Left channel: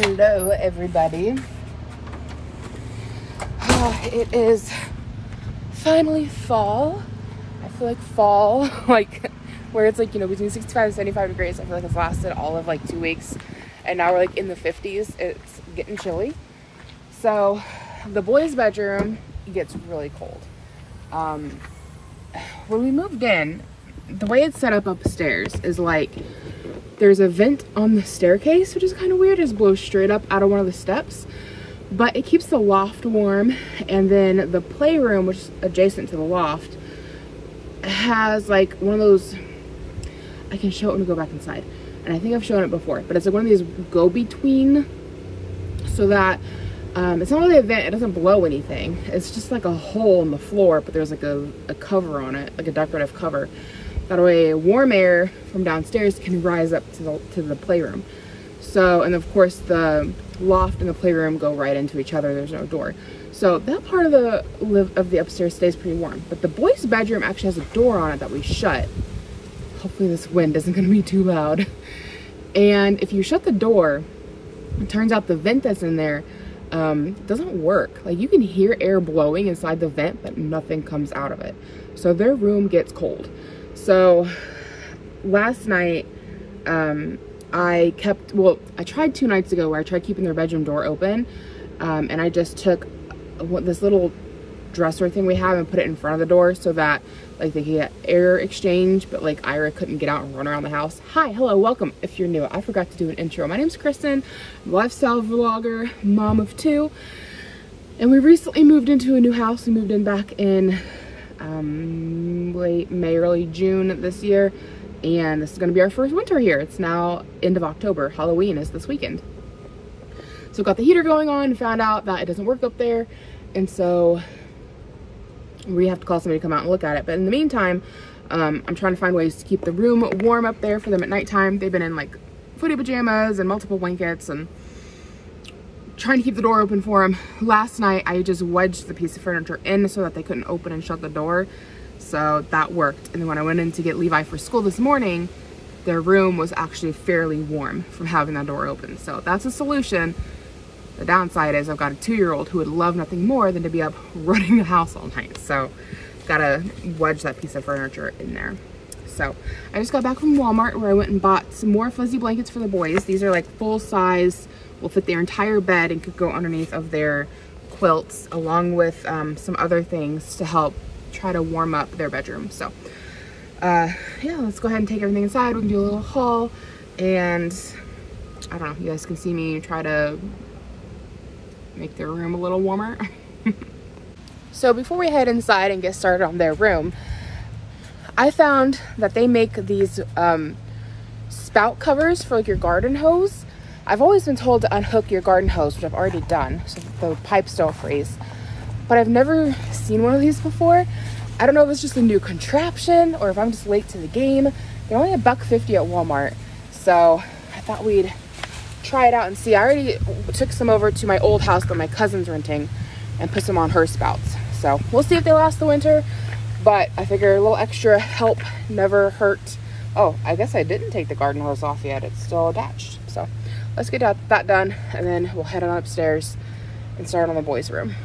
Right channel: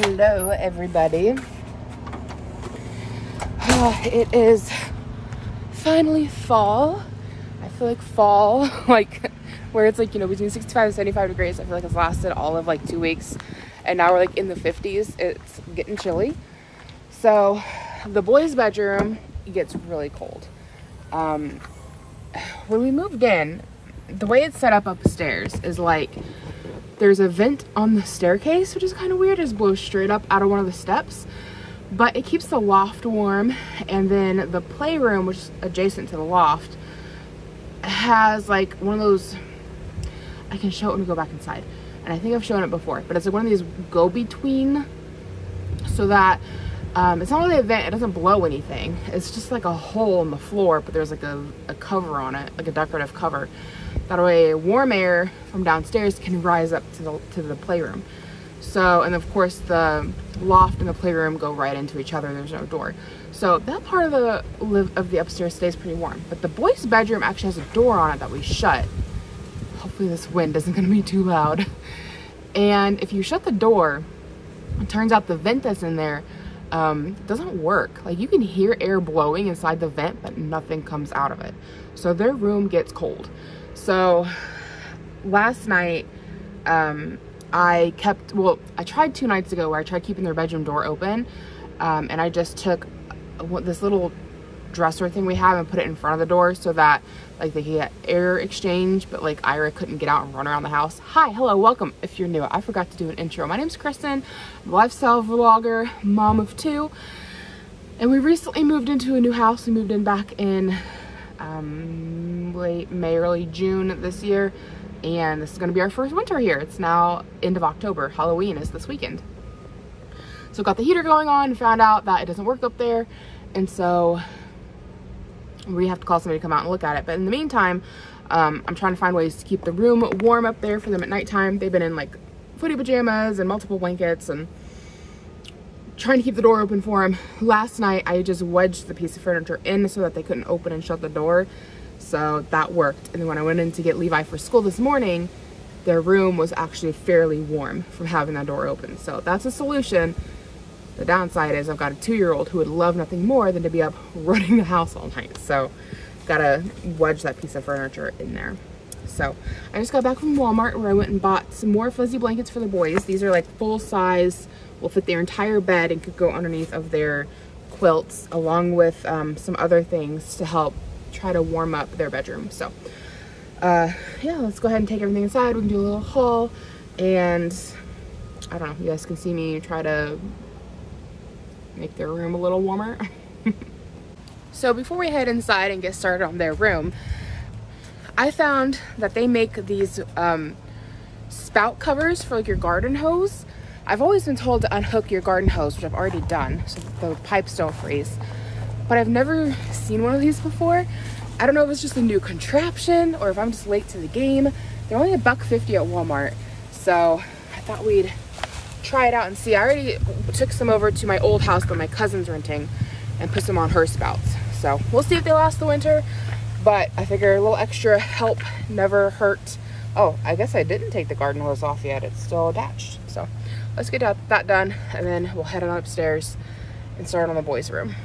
Hello everybody. Oh, it is finally fall. I feel like fall, like where it's like, you know, between 65 and 75 degrees. I feel like it's lasted all of like 2 weeks, and now we're like in the 50s. It's getting chilly. So the boys' bedroom gets really cold. When we moved in, the way it's set up upstairs is like there's a vent on the staircase, which is kind of weird. It blows straight up out of one of the steps, but it keeps the loft warm. And then the playroom, which is adjacent to the loft, has like one of those, I can show it when we go back inside, and I think I've shown it before, but it's like one of these go-between, so that it's not really a vent, it doesn't blow anything. It's just like a hole in the floor, but there's like a cover on it, like a decorative cover. That way warm air from downstairs can rise up to the playroom. So, and of course the loft and the playroom go right into each other. There's no door. So that part of the upstairs stays pretty warm. But the boys' bedroom actually has a door on it that we shut. Hopefully this wind isn't gonna be too loud. And if you shut the door, it turns out the vent that's in there doesn't work. Like, you can hear air blowing inside the vent, but nothing comes out of it. So their room gets cold. So last night, I tried 2 nights ago where I tried keeping their bedroom door open, and I just took this little dresser thing we have and put it in front of the door so that like they could get air exchange, but like Ira couldn't get out and run around the house. Hi, hello, welcome. If you're new, I forgot to do an intro. My name's Cristin, I'm a lifestyle vlogger, mom of 2, and we recently moved into a new house. We moved in back in late May, early June this year, and this is going to be our first winter here. It's now end of October. Halloween is this weekend. So got the heater going on and found out that it doesn't work up there, and so we have to call somebody to come out and look at it. But in the meantime, I'm trying to find ways to keep the room warm up there for them at nighttime. They've been in like footy pajamas and multiple blankets, and trying to keep the door open for them. Last night I just wedged the piece of furniture in so that they couldn't open and shut the door, so that worked. And then when I went in to get Levi for school this morning, their room was actually fairly warm from having that door open. So that's a solution. The downside is I've got a 2-year-old who would love nothing more than to be up running the house all night, so gotta wedge that piece of furniture in there. So I just got back from Walmart, where I went and bought some more fuzzy blankets for the boys. These are like full size, will fit their entire bed and could go underneath of their quilts, along with some other things to help try to warm up their bedroom. So yeah, let's go ahead and take everything inside. We can do a little haul, and I don't know, you guys can see me try to make their room a little warmer. So before we head inside and get started on their room, I found that they make these spout covers for like your garden hose. I've always been told to unhook your garden hose, which I've already done, so the pipes don't freeze. But I've never seen one of these before. I don't know if it's just a new contraption or if I'm just late to the game. They're only $1.50 at Walmart, so I thought we'd try it out and see. I already took some over to my old house that my cousin's renting and put some on her spouts. So we'll see if they last the winter, but I figure a little extra help never hurt. Oh, I guess I didn't take the garden hose off yet. It's still attached. So let's get that done, and then we'll head on upstairs and start on the boys' room.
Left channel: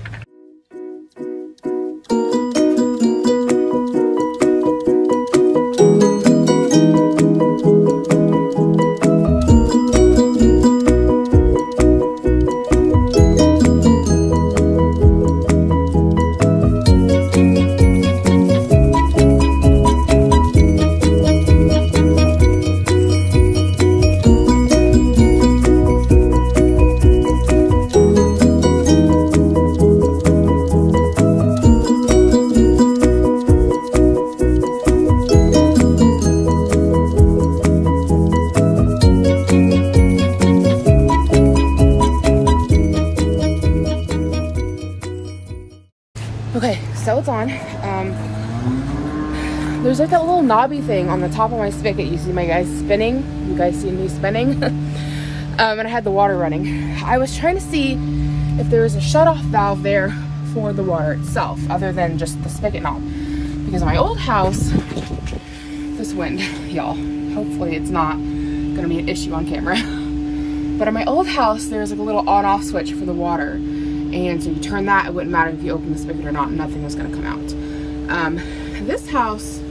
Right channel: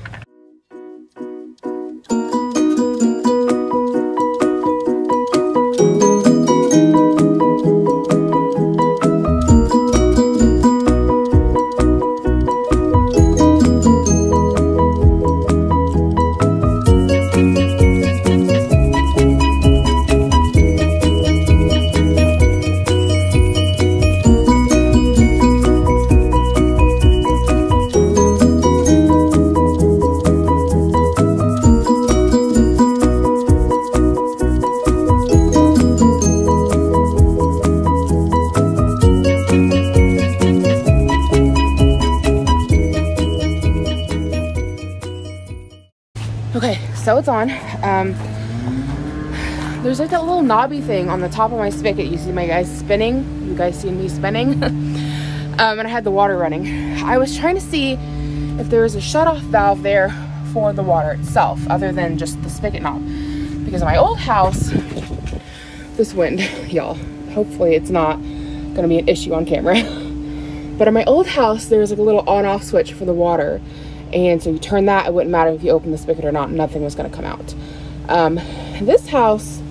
Okay, so it's on. There's like that little knobby thing on the top of my spigot. You see my guys spinning? You guys seen me spinning? And I had the water running. I was trying to see if there was a shutoff valve there for the water itself, other than just the spigot knob. Because in my old house, this wind, y'all, hopefully it's not gonna be an issue on camera. But in my old house, there's like a little on-off switch for the water. And so you turn that, it wouldn't matter if you open the spigot or not, nothing was gonna come out. This house,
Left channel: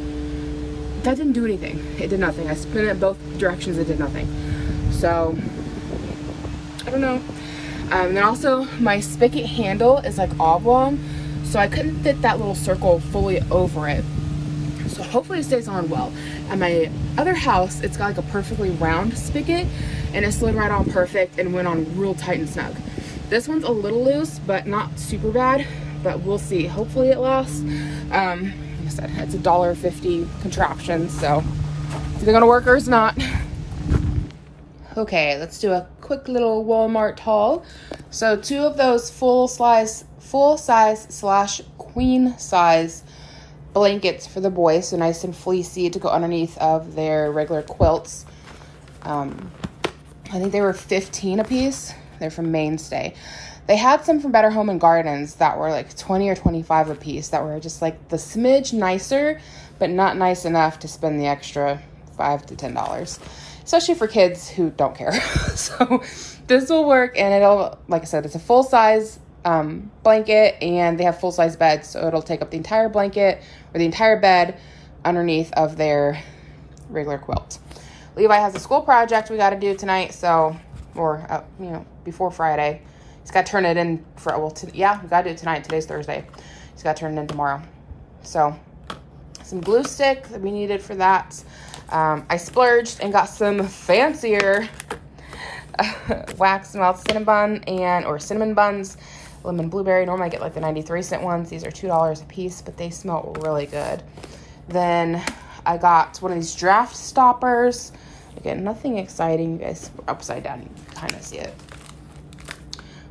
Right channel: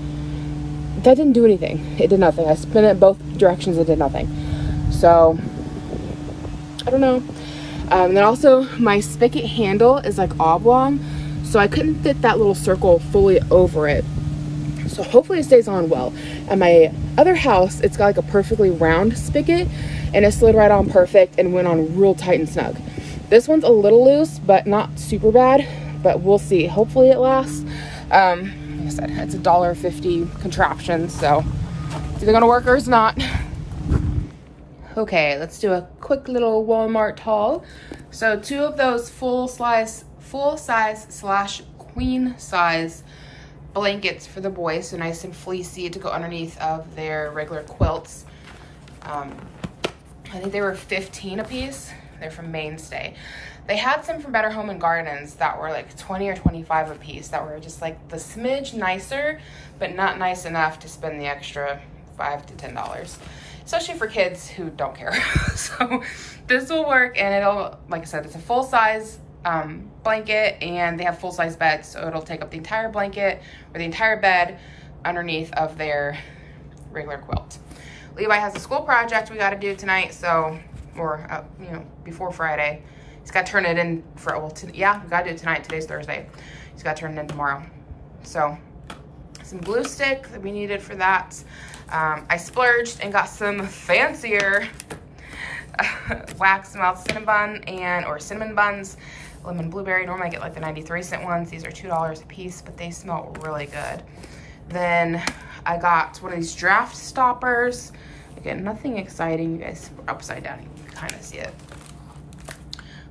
that didn't do anything. It did nothing. I spin it both directions, it did nothing. So, I don't know. And then also my spigot handle is like oblong, so I couldn't fit that little circle fully over it. So hopefully it stays on well. At my other house, it's got like a perfectly round spigot, and it slid right on perfect and went on real tight and snug. This one's a little loose, but not super bad, but we'll see. Hopefully it lasts. Like I said, it's $1.50 contraption, so it's either gonna work or it's not. Okay, let's do a quick little Walmart haul. So 2 of those full size / queen size blankets for the boys, so nice and fleecy to go underneath of their regular quilts. I think they were 15 a piece. They're from Mainstay. They had some from Better Home and Gardens that were like 20 or 25 a piece that were just like the smidge nicer, but not nice enough to spend the extra $5 to $10, especially for kids who don't care. So this will work, and it'll, like I said, it's a full size blanket, and they have full size beds, so it'll take up the entire blanket or the entire bed underneath of their regular quilt. Levi has a school project we got to do tonight, so, or you know, before Friday. He's got to turn it in for, well, yeah, we got to do it tonight. Today's Thursday. He's got to turn it in tomorrow. So some glue stick that we needed for that. I splurged and got some fancier wax melt cinnamon or cinnamon buns, lemon blueberry. Normally I get like the 93-cent ones. These are $2 a piece, but they smell really good. Then I got one of these draft stoppers. Again, nothing exciting. You guys, upside down, you can kind of see it.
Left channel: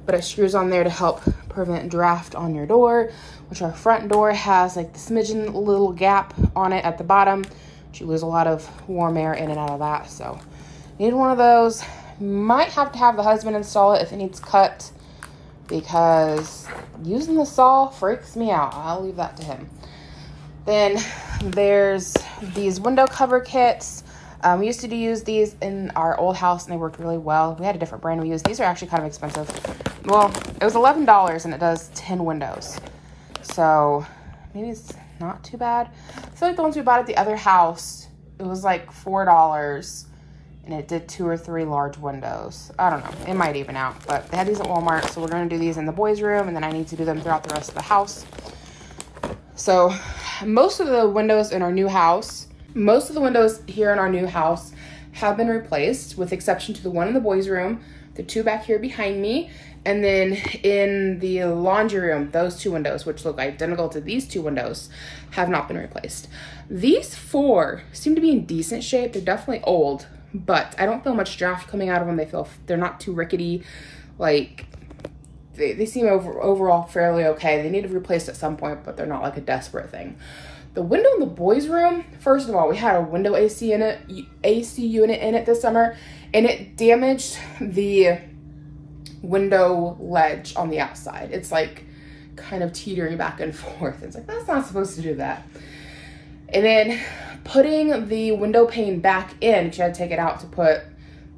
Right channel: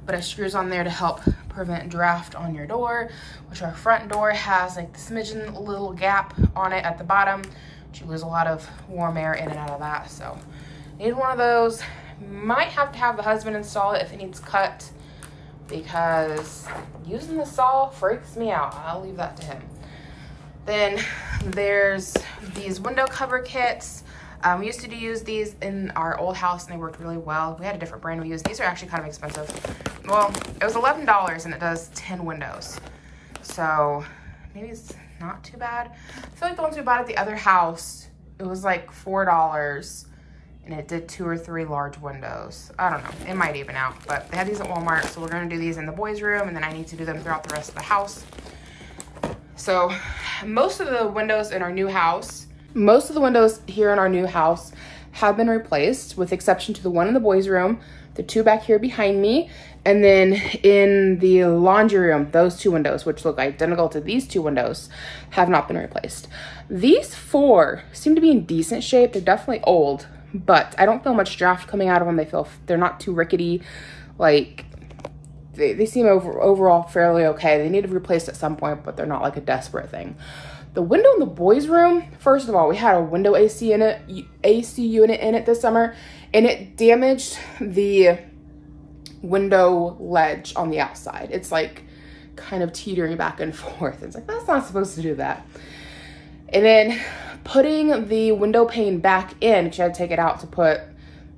But it screws on there to help prevent draft on your door, which our front door has like the smidgen little gap on it at the bottom. You lose a lot of warm air in and out of that, so need one of those. Might have to have the husband install it if it needs cut, because using the saw freaks me out. I'll leave that to him. Then there's these window cover kits. We used to use these in our old house and they worked really well. We had a different brand we used. These are actually kind of expensive. Well, it was $11 and it does 10 windows. So maybe it's not too bad. I feel like the ones we bought at the other house, it was like $4 and it did 2 or 3 large windows. I don't know, it might even out, but they had these at Walmart. So we're gonna do these in the boys' room, and then I need to do them throughout the rest of the house. So most of the windows in our new house, most of the windows here in our new house have been replaced, with exception to the one in the boys' room, the 2 back here behind me, and then in the laundry room, those 2 windows, which look identical to these 2 windows, have not been replaced. These 4 seem to be in decent shape. They're definitely old, but I don't feel much draft coming out of them. They're not too rickety. Like, they seem overall fairly okay. They need to be replaced at some point, but they're not like a desperate thing. The window in the boys' room, first of all, we had a window AC unit in it this summer, and it damaged the window ledge on the outside. It's like kind of teetering back and forth. It's like, that's not supposed to do that. And then putting the window pane back in, but you had to take it out to put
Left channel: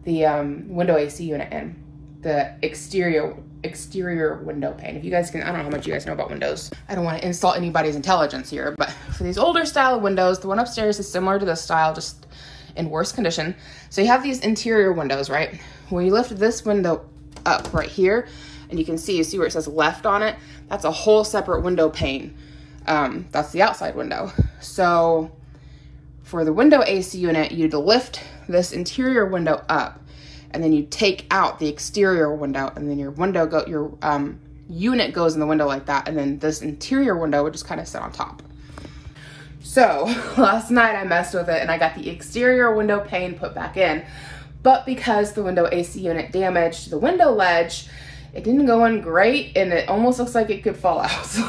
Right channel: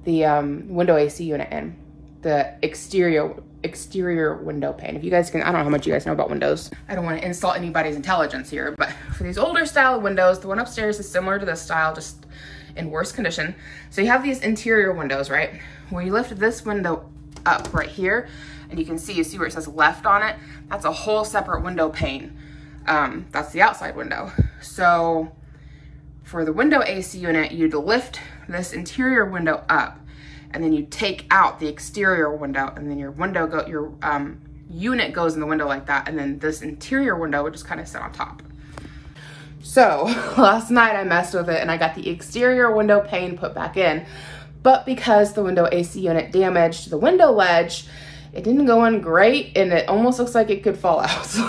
the window AC unit in, the exterior window pane. If you guys can, I don't know how much you guys know about windows. I don't want to insult anybody's intelligence here, but for these older style windows, the one upstairs is similar to this style, just in worse condition. So you have these interior windows, right? Where you lift this window up right here, and you see where it says left on it? That's a whole separate window pane. That's the outside window. So for the window AC unit, you'd lift this interior window up, and then you take out the exterior window, and then your unit goes in the window like that, and then this interior window would just kind of sit on top. So last night I messed with it and I got the exterior window pane put back in, but because the window AC unit damaged the window ledge, it didn't go in great, and it almost looks like it could fall out. So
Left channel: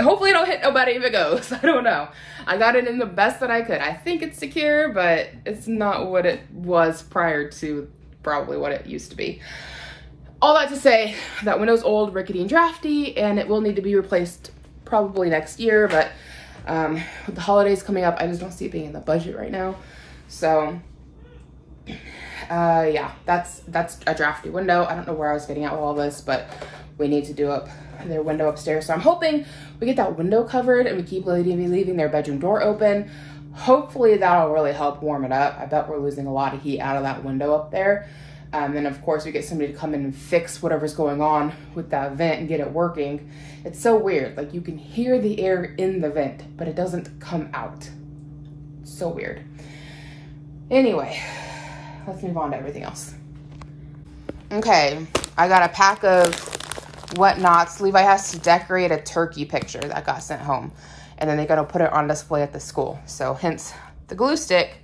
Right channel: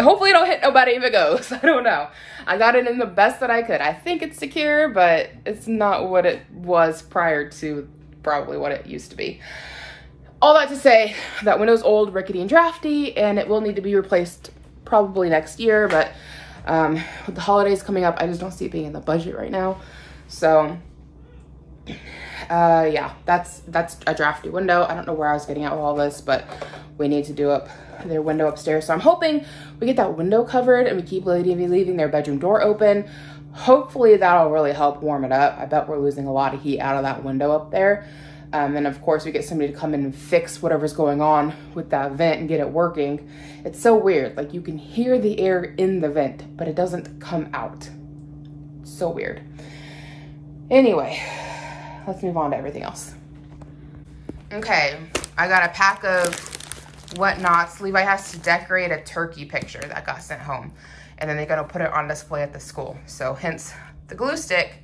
hopefully it don't hit nobody if it goes. I don't know. I got it in the best that I could. I think it's secure, but it's not what it was prior to probably what it used to be. All that to say, that window's old, rickety, and drafty, and it will need to be replaced probably next year, but with the holidays coming up, I just don't see it being in the budget right now. So yeah, that's a drafty window. I don't know where I was getting at with all this, but we need to do up their window upstairs. So I'm hoping we get that window covered and we keep leaving their bedroom door open. Hopefully that'll really help warm it up. I bet we're losing a lot of heat out of that window up there. And of course we get somebody to come in and fix whatever's going on with that vent and get it working. It's so weird. Like, you can hear the air in the vent, but it doesn't come out. It's so weird. Anyway, let's move on to everything else. Okay, I got a pack of whatnots. Levi has to decorate a turkey picture that got sent home, and then they're gonna put it on display at the school. So hence the glue stick.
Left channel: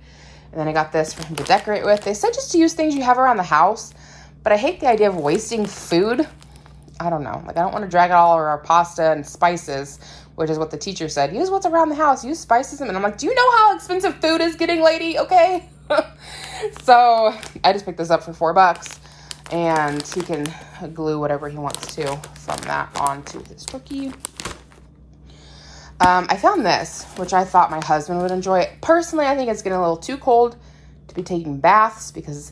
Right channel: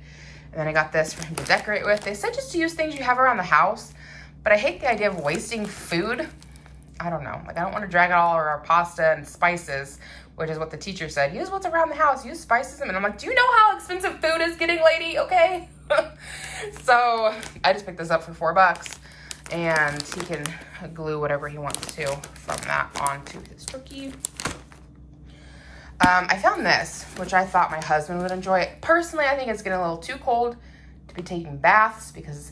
And then I got this for him to decorate with. They said just to use things you have around the house, but I hate the idea of wasting food. I don't know, like, I don't want to drag it all over our pasta and spices, which is what the teacher said. Use what's around the house, use spices. And I'm like, do you know how expensive food is getting, lady? Okay. So I just picked this up for $4, and he can glue whatever he wants to from that onto his turkey. I found this, which I thought my husband would enjoy. Personally, I think it's getting a little too cold to be taking baths, because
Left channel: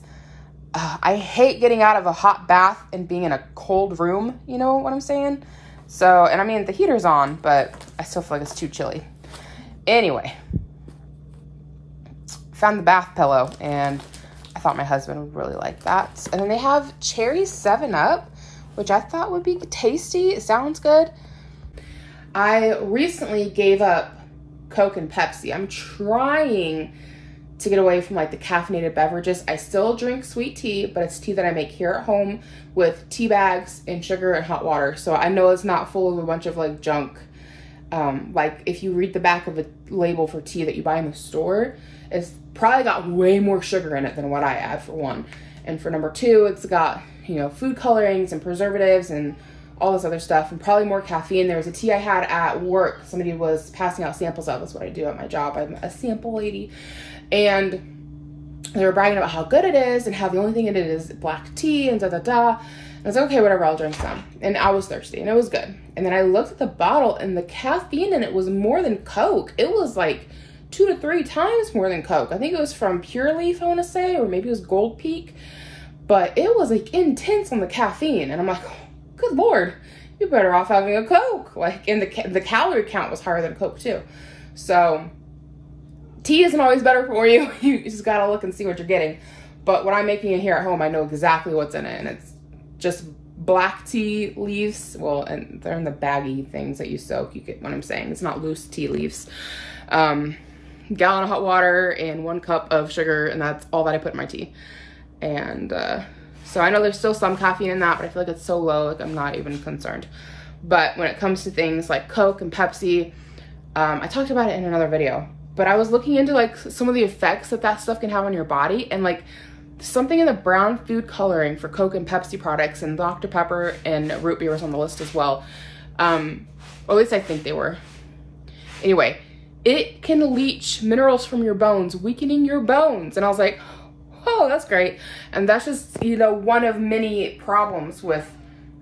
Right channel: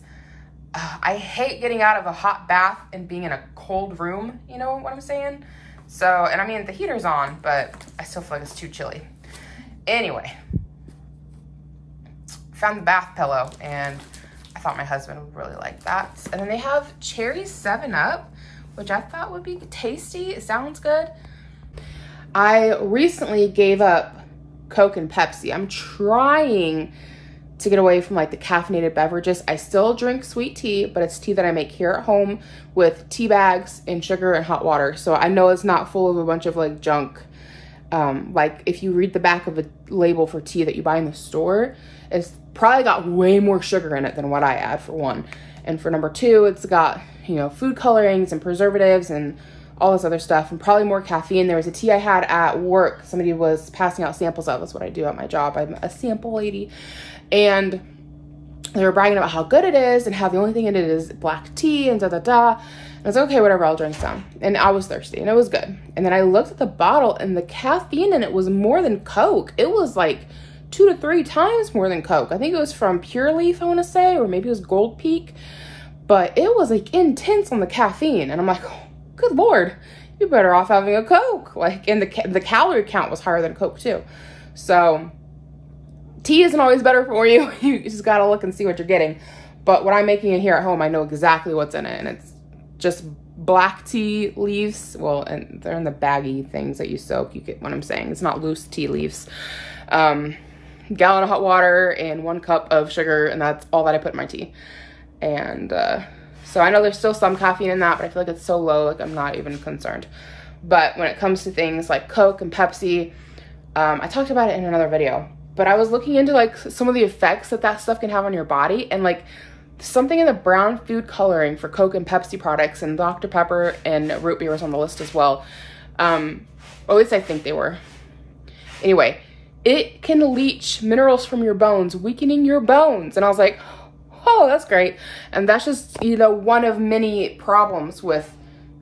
I hate getting out of a hot bath and being in a cold room, you know what I'm saying? So, and I mean, the heater's on, but I still feel like it's too chilly. Anyway, found the bath pillow, and I thought my husband would really like that. And then they have cherry 7-Up, which I thought would be tasty. It sounds good. I recently gave up Coke and Pepsi. I'm trying to get away from like the caffeinated beverages. I still drink sweet tea, but it's tea that I make here at home with tea bags and sugar and hot water. So I know it's not full of a bunch of like junk. Like, if you read the back of a label for tea that you buy in the store, it's probably got way more sugar in it than what I add, for one. And for number two, it's got, you know, food colorings and preservatives and all this other stuff, and probably more caffeine. There was a tea I had at work. Somebody was passing out samples of. That's what I do at my job. I'm a sample lady. And they were bragging about how good it is and how the only thing in it is black tea and da-da-da. And I was like, okay, whatever, I'll drink some. And I was thirsty and it was good. And then I looked at the bottle and the caffeine in it was more than Coke. It was like 2 to 3 times more than Coke. I think it was from Pure Leaf, I want to say, or maybe it was Gold Peak. But it was like intense on the caffeine. And I'm like, oh, good Lord, you're better off having a Coke. Like, and the calorie count was higher than Coke too. So tea isn't always better for you. You just gotta look and see what you're getting. But what I'm making in here at home, I know exactly what's in it, and it's just black tea leaves. Well, and they're in the baggy things that you soak. You get what I'm saying. It's not loose tea leaves. Gallon of hot water and 1 cup of sugar, and that's all that I put in my tea. And so I know there's still some caffeine in that, but I feel like it's so low, like I'm not even concerned. But when it comes to things like Coke and Pepsi, I talked about it in another video, but I was looking into like some of the effects that stuff can have on your body, and like something in the brown food coloring for Coke and Pepsi products, and Dr. Pepper and root beer was on the list as well. Or at least I think they were. Anyway, it can leach minerals from your bones, weakening your bones. And I was like, oh, that's great. And that's just, you know, one of many problems with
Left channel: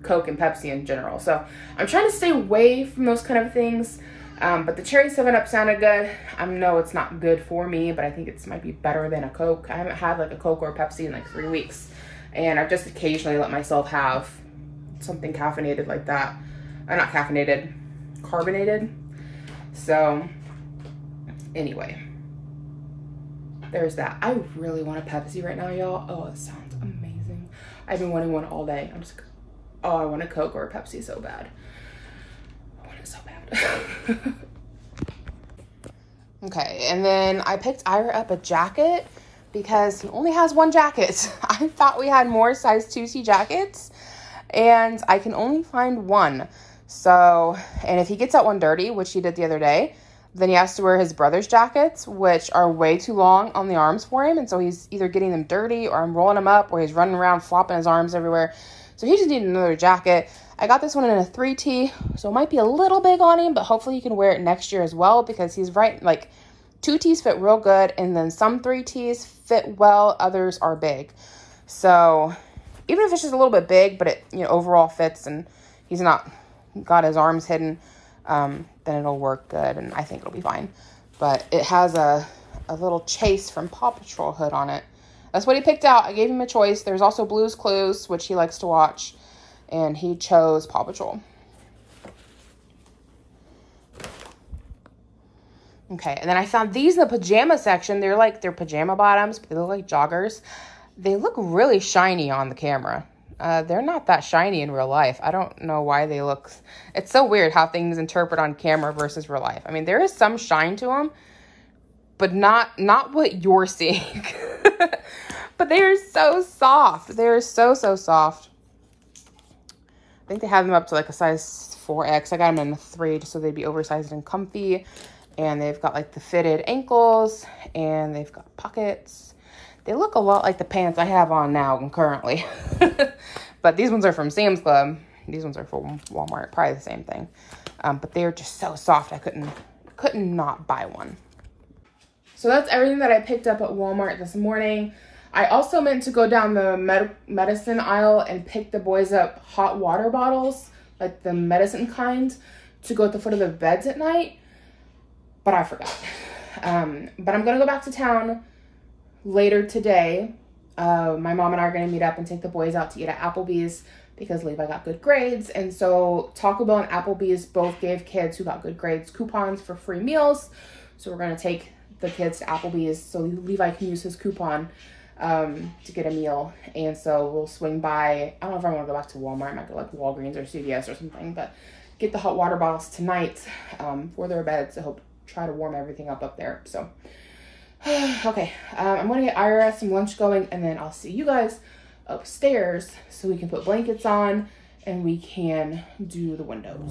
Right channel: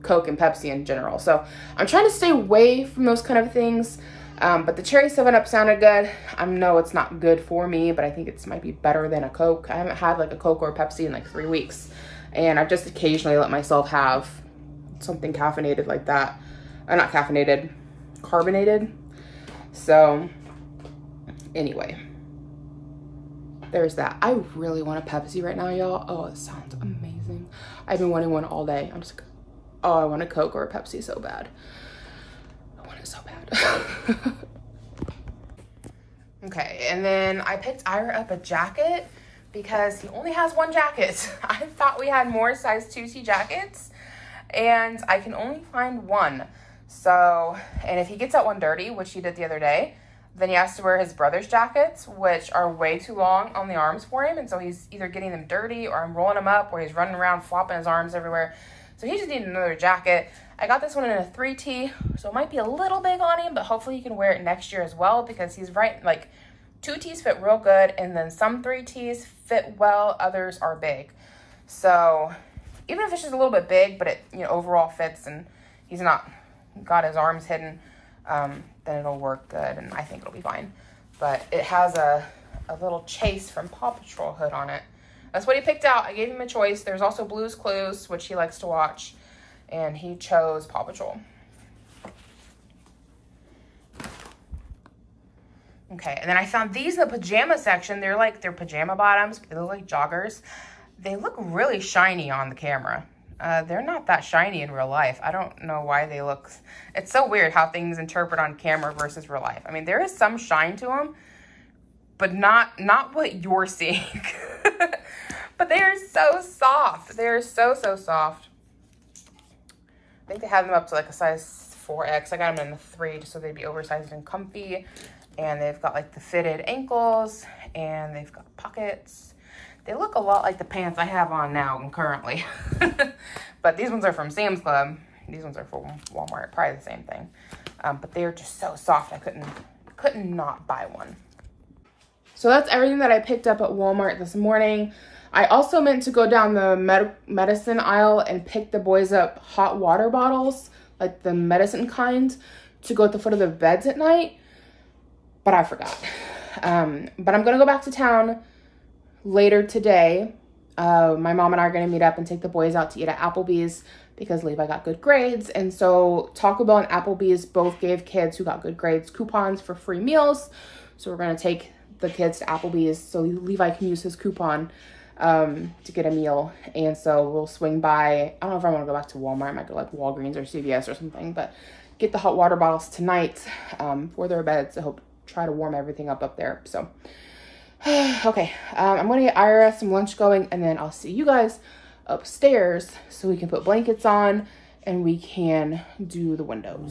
Coke and Pepsi in general. So I'm trying to stay away from those kind of things. But the cherry 7-Up sounded good. I know it's not good for me, but I think it might be better than a Coke. I haven't had like a Coke or a Pepsi in like 3 weeks. And I've just occasionally let myself have something caffeinated like that. Not caffeinated, carbonated. So anyway, there's that. I really want a Pepsi right now, y'all. Oh, it sounds amazing. I've been wanting one all day. I'm just like, oh, I want a Coke or a Pepsi so bad. I want it so bad. Okay, and then I picked Ira up a jacket because he only has 1 jacket. I thought we had more size 2T jackets, and I can only find 1. So, and if he gets that one dirty, which he did the other day, then he has to wear his brother's jackets, which are way too long on the arms for him. And so he's either getting them dirty, or I'm rolling them up, or he's running around flopping his arms everywhere. So he just needed another jacket. I got this one in a 3T, so it might be a little big on him, but hopefully he can wear it next year as well, because he's right, like 2Ts fit real good, and then some 3Ts fit well, others are big. So even if it's just a little bit big, but it, you know, overall fits, and he's not got his arms hidden, then it'll work good, and I think it'll be fine. But it has a little Chase from Paw Patrol hood on it that's what he picked out. I gave him a choice. There's also Blue's Clues, which he likes to watch, and he chose Paw Patrol. Okay, and then I found these in the pajama section. They're pajama bottoms, but they look like joggers. They look really shiny on the camera. They're not that shiny in real life. I don't know why they look, it's so weird how things interpret on camera versus real life. I mean, there is some shine to them, but not what you're seeing. But they're so soft. They're so soft. I think they have them up to like a size 4X. I got them in a 3 just so they'd be oversized and comfy. And they've got like the fitted ankles, and they've got pockets. They look a lot like the pants I have on now currently. But these ones are from Sam's Club. These ones are from Walmart, probably the same thing. But they're just so soft, I couldn't not buy one. So that's everything that I picked up at Walmart this morning. I also meant to go down the medicine aisle and pick the boys up hot water bottles, like the medicine kind, to go at the foot of the beds at night, but I forgot. But I'm gonna go back to town later today. My mom and I are gonna meet up and take the boys out to eat at Applebee's because Levi got good grades. And so Taco Bell and Applebee's both gave kids who got good grades coupons for free meals. So we're gonna take the kids to Applebee's so Levi can use his coupon to get a meal. And so we'll swing by, I don't know if I'm gonna go back to Walmart, I might go like Walgreens or CVS or something, but get the hot water bottles tonight for their beds. I hope try to warm everything up there. So okay, I'm gonna get Ira some lunch going, and then I'll see you guys upstairs so we can put blankets on and we can do the windows.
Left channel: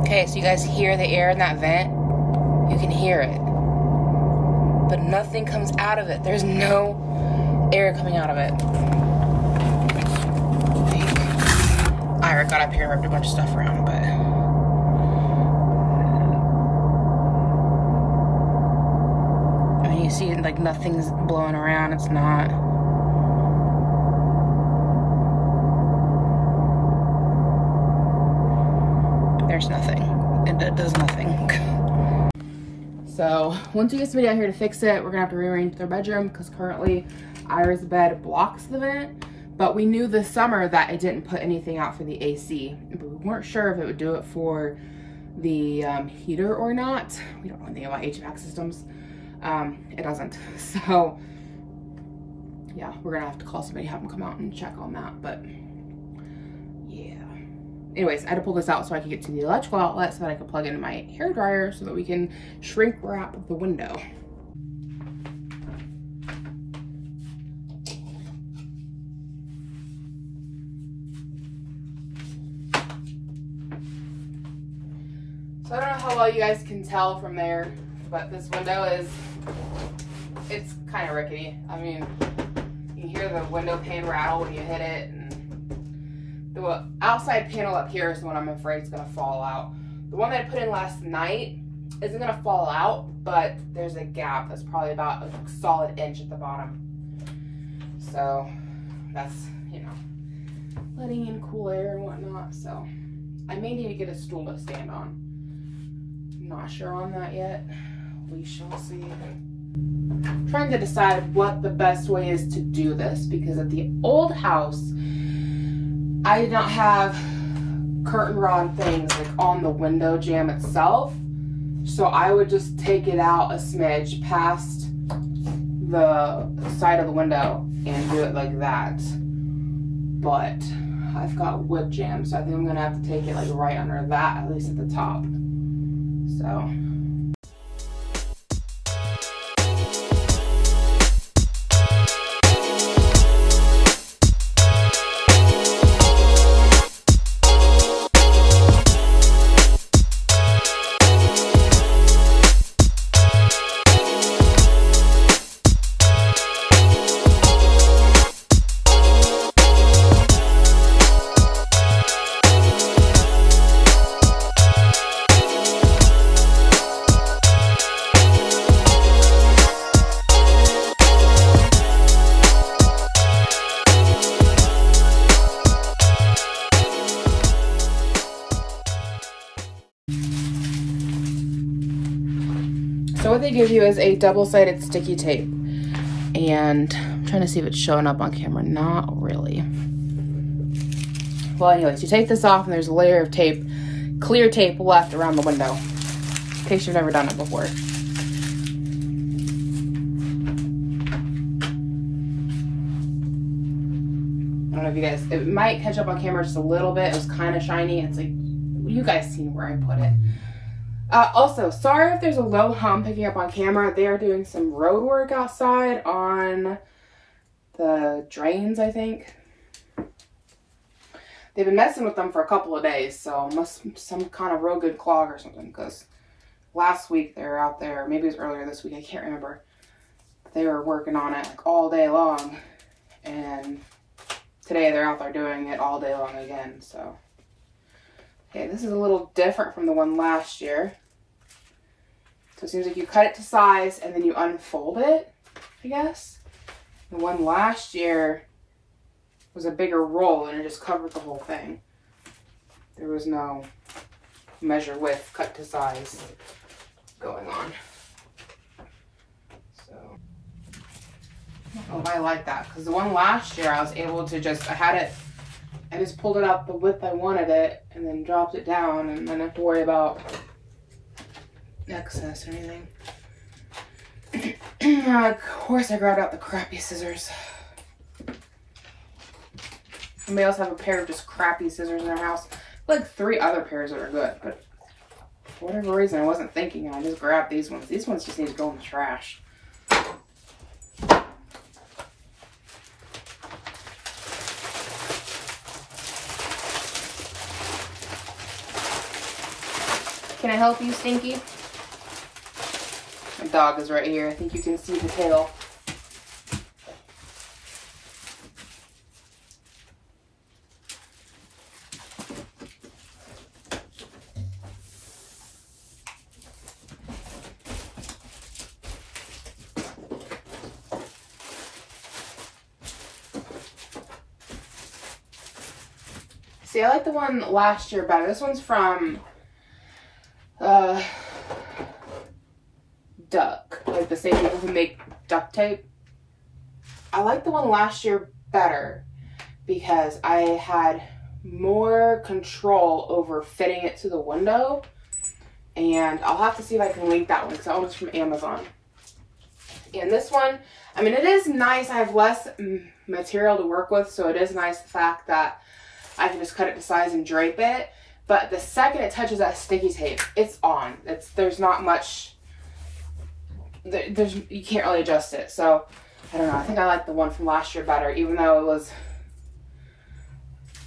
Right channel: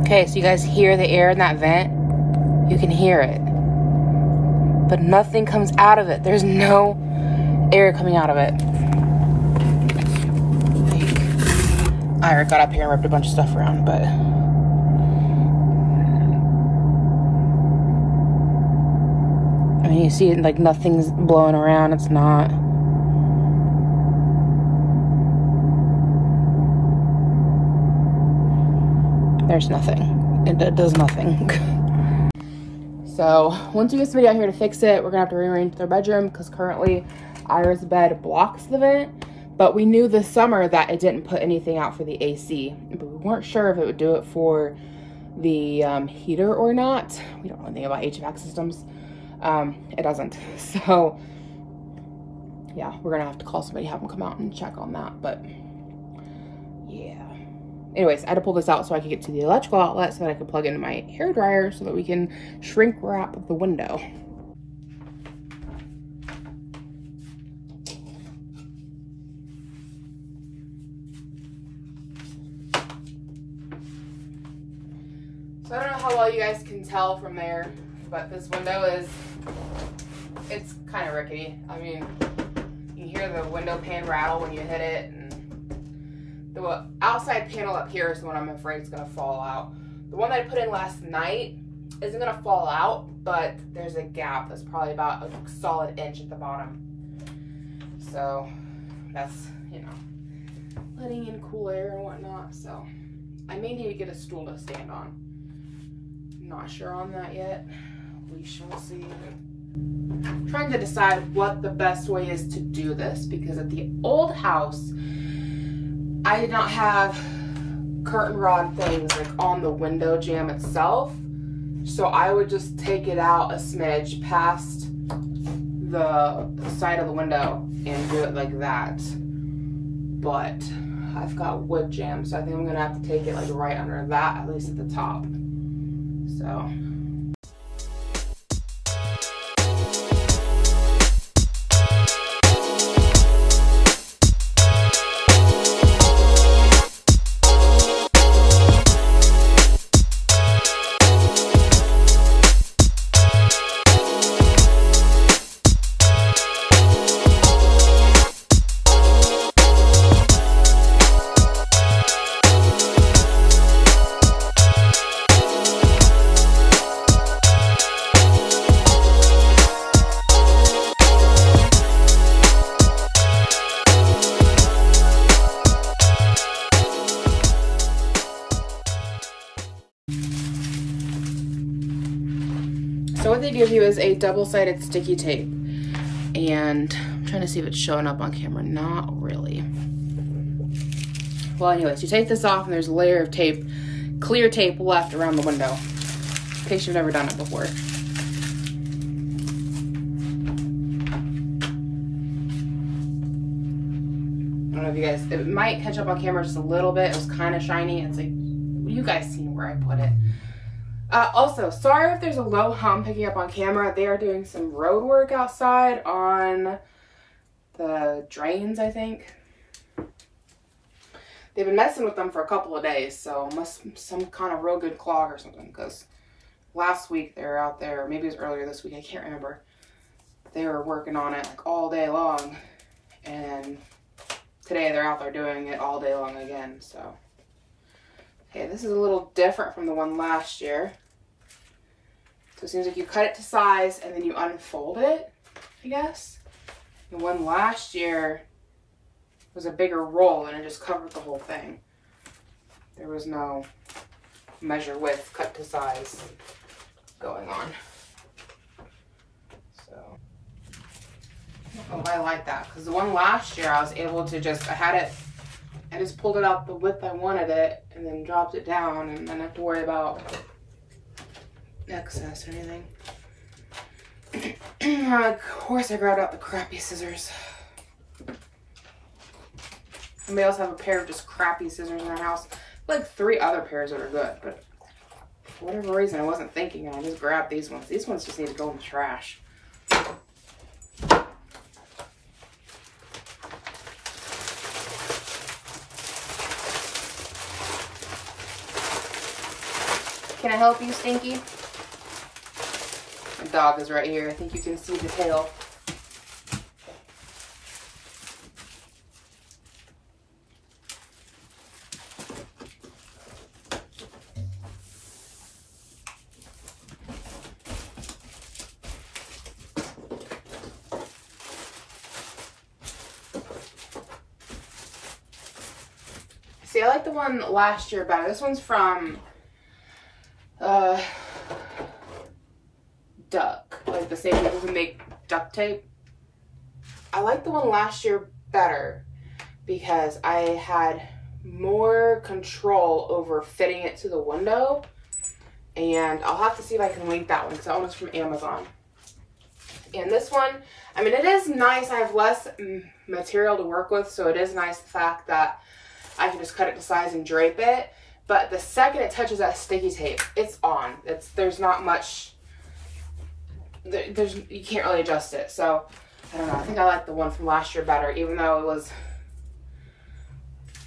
Okay, so you guys hear the air in that vent? You can hear it, but nothing comes out of it. There's no air coming out of it. Ira got up here and ripped a bunch of stuff around, but I mean, you see like nothing's blowing around. It's not. There's nothing. It does nothing. So once we get somebody out here to fix it, we're gonna have to rearrange their bedroom because currently Ira's bed blocks the vent. But we knew this summer that it didn't put anything out for the AC. But we weren't sure if it would do it for the heater or not. We don't know anything about HVAC systems. It doesn't. So yeah, we're gonna have to call somebody, have them come out and check on that. But yeah. Anyways, I had to pull this out so I could get to the electrical outlet so that I could plug into my hairdryer so that we can shrink wrap the window. So I don't know how well you guys can tell from there, but this window it's kind of rickety. I mean, you can hear the window pane rattle when you hit it, and the outside panel up here is the one I'm afraid is gonna fall out. The one that I put in last night isn't gonna fall out, but there's a gap that's probably about a solid inch at the bottom. So that's, you know, letting in cool air and whatnot. So I may need to get a stool to stand on. Not sure on that yet. We shall see. I'm trying to decide what the best way is to do this, because at the old house I did not have curtain rod things like on the window jamb itself, so I would just take it out a smidge past the side of the window and do it like that. But I've got wood jam, so I think I'm gonna have to take it like right under that, at least at the top. So So what they give you is a double-sided sticky tape. And I'm trying to see if it's showing up on camera. Not really. Well, anyways, you take this off and there's a layer of tape, clear tape left around the window, in case you've never done it before. I don't know if you guys, it might catch up on camera just a little bit. It was kind of shiny. It's like, you guys see where I put it. Also, sorry if there's a low hum picking up on camera. They are doing some road work outside on the drains, I think. They've been messing with them for a couple of days, so must be some kind of real good clog or something, because last week they were out there, or maybe it was earlier this week, I can't remember. They were working on it like all day long, and today they're out there doing it all day long again, so. Okay, this is a little different from the one last year. So it seems like you cut it to size and then you unfold it, I guess. The one last year was a bigger roll and it just covered the whole thing. There was no measure width, cut to size going on. So, I don't know if I like that, because the one last year I was able to just, I just pulled it out the width I wanted it and then dropped it down, and I didn't have to worry about excess or anything. Of course I grabbed out the crappy scissors. Anybody else have a pair of just crappy scissors in their house? Like 3 other pairs that are good, but for whatever reason I wasn't thinking, and I just grabbed these ones. These ones just need to go in the trash. Can I help you, Stinky? My dog is right here. I think you can see the tail. See, I like the one last year better. This one's from Duck, like the same people who make duct tape. I like the one last year better because I had more control over fitting it to the window, and I'll have to see if I can link that one because that one was from Amazon. And this one, I mean, it is nice. I have less material to work with, so it is nice the fact that I can just cut it to size and drape it. But the second it touches that sticky tape, it's on. There's not much, you can't really adjust it. So, I don't know. I think I like the one from last year better, even though it was,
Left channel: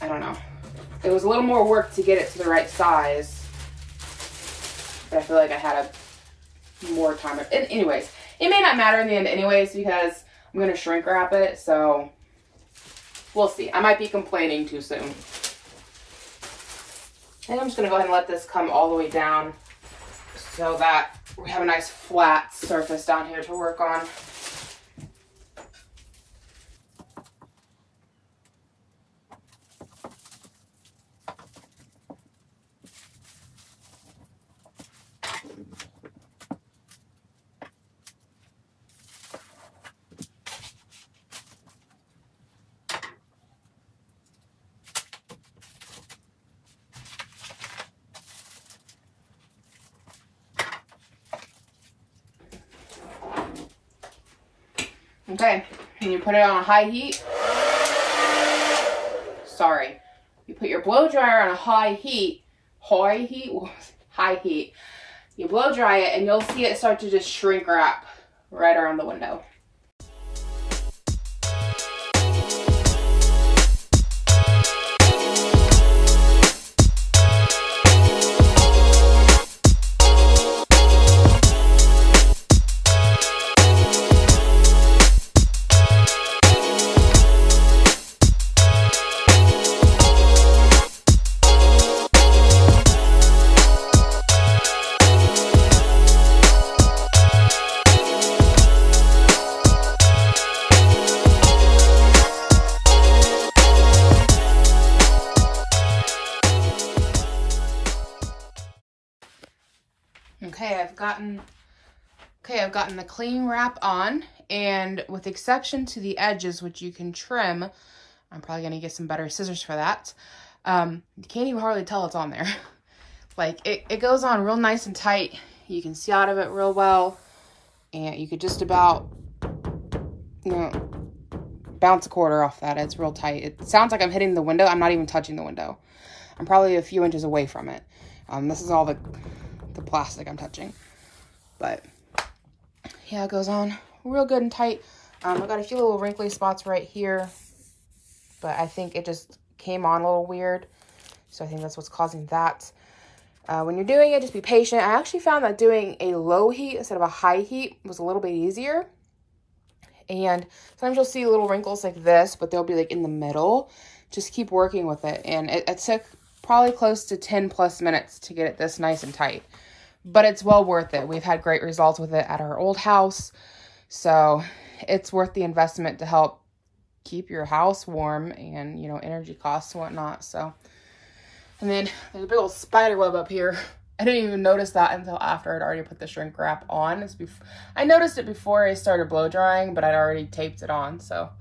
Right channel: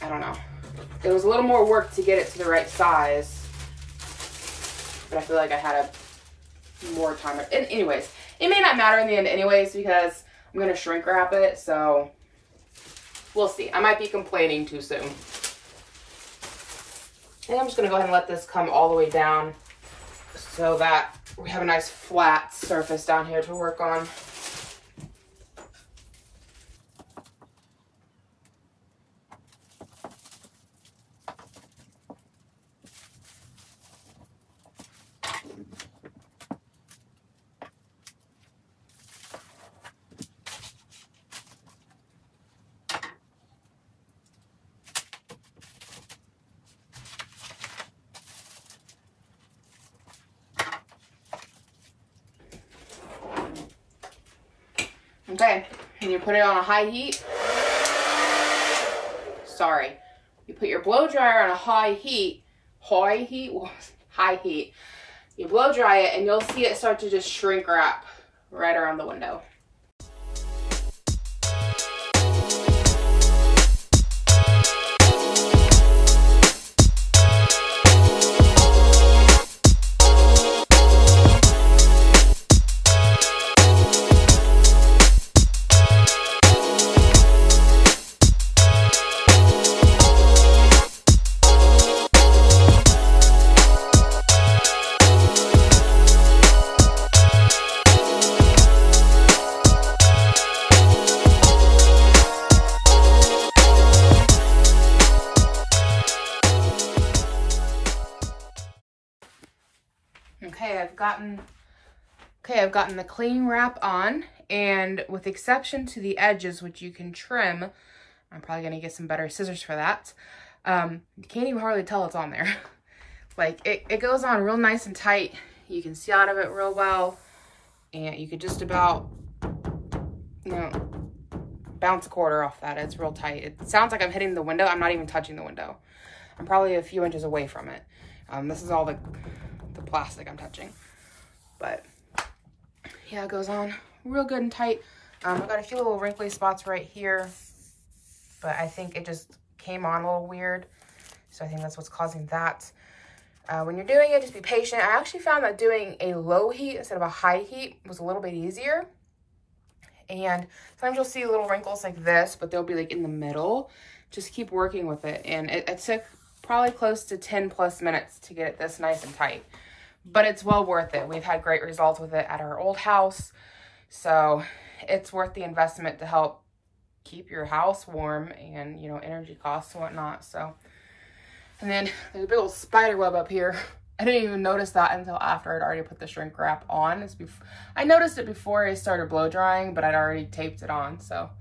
I don't know. It was a little more work to get it to the right size. But I feel like I had more time. And anyways, it may not matter in the end anyways because I'm going to shrink wrap it. So, we'll see. I might be complaining too soon. And I'm just going to go ahead and let this come all the way down so that we have a nice flat surface down here to work on. Okay, and you put it on a high heat. Sorry. You put your blow dryer on a high heat. High heat. You blow dry it and you'll see it start to just shrink wrap right around the window. Okay, I've gotten Okay, I've gotten the cling wrap on, and with exception to the edges, which you can trim, I'm probably gonna get some better scissors for that. You can't even hardly tell it's on there. Like it goes on real nice and tight. You can see out of it real well, and you could just about, you know, bounce a quarter off that. It's real tight. It sounds like I'm hitting the window. I'm not even touching the window. I'm probably a few inches away from it. This is all the plastic I'm touching, but yeah, it goes on real good and tight. I've got a few little wrinkly spots right here, but I think it just came on a little weird. So I think that's what's causing that. When you're doing it, just be patient. I actually found that doing a low heat instead of a high heat was a little bit easier. And sometimes you'll see little wrinkles like this, but they'll be like in the middle. Just keep working with it. And it took probably close to 10 plus minutes to get it this nice and tight. But it's well worth it. We've had great results with it at our old house. So it's worth the investment to help keep your house warm and, you know, energy costs and whatnot. So, and then there's a big old spider web up here. I didn't even notice that until after I'd already put the shrink wrap on. I noticed it before I started blow drying, but I'd already taped it on. So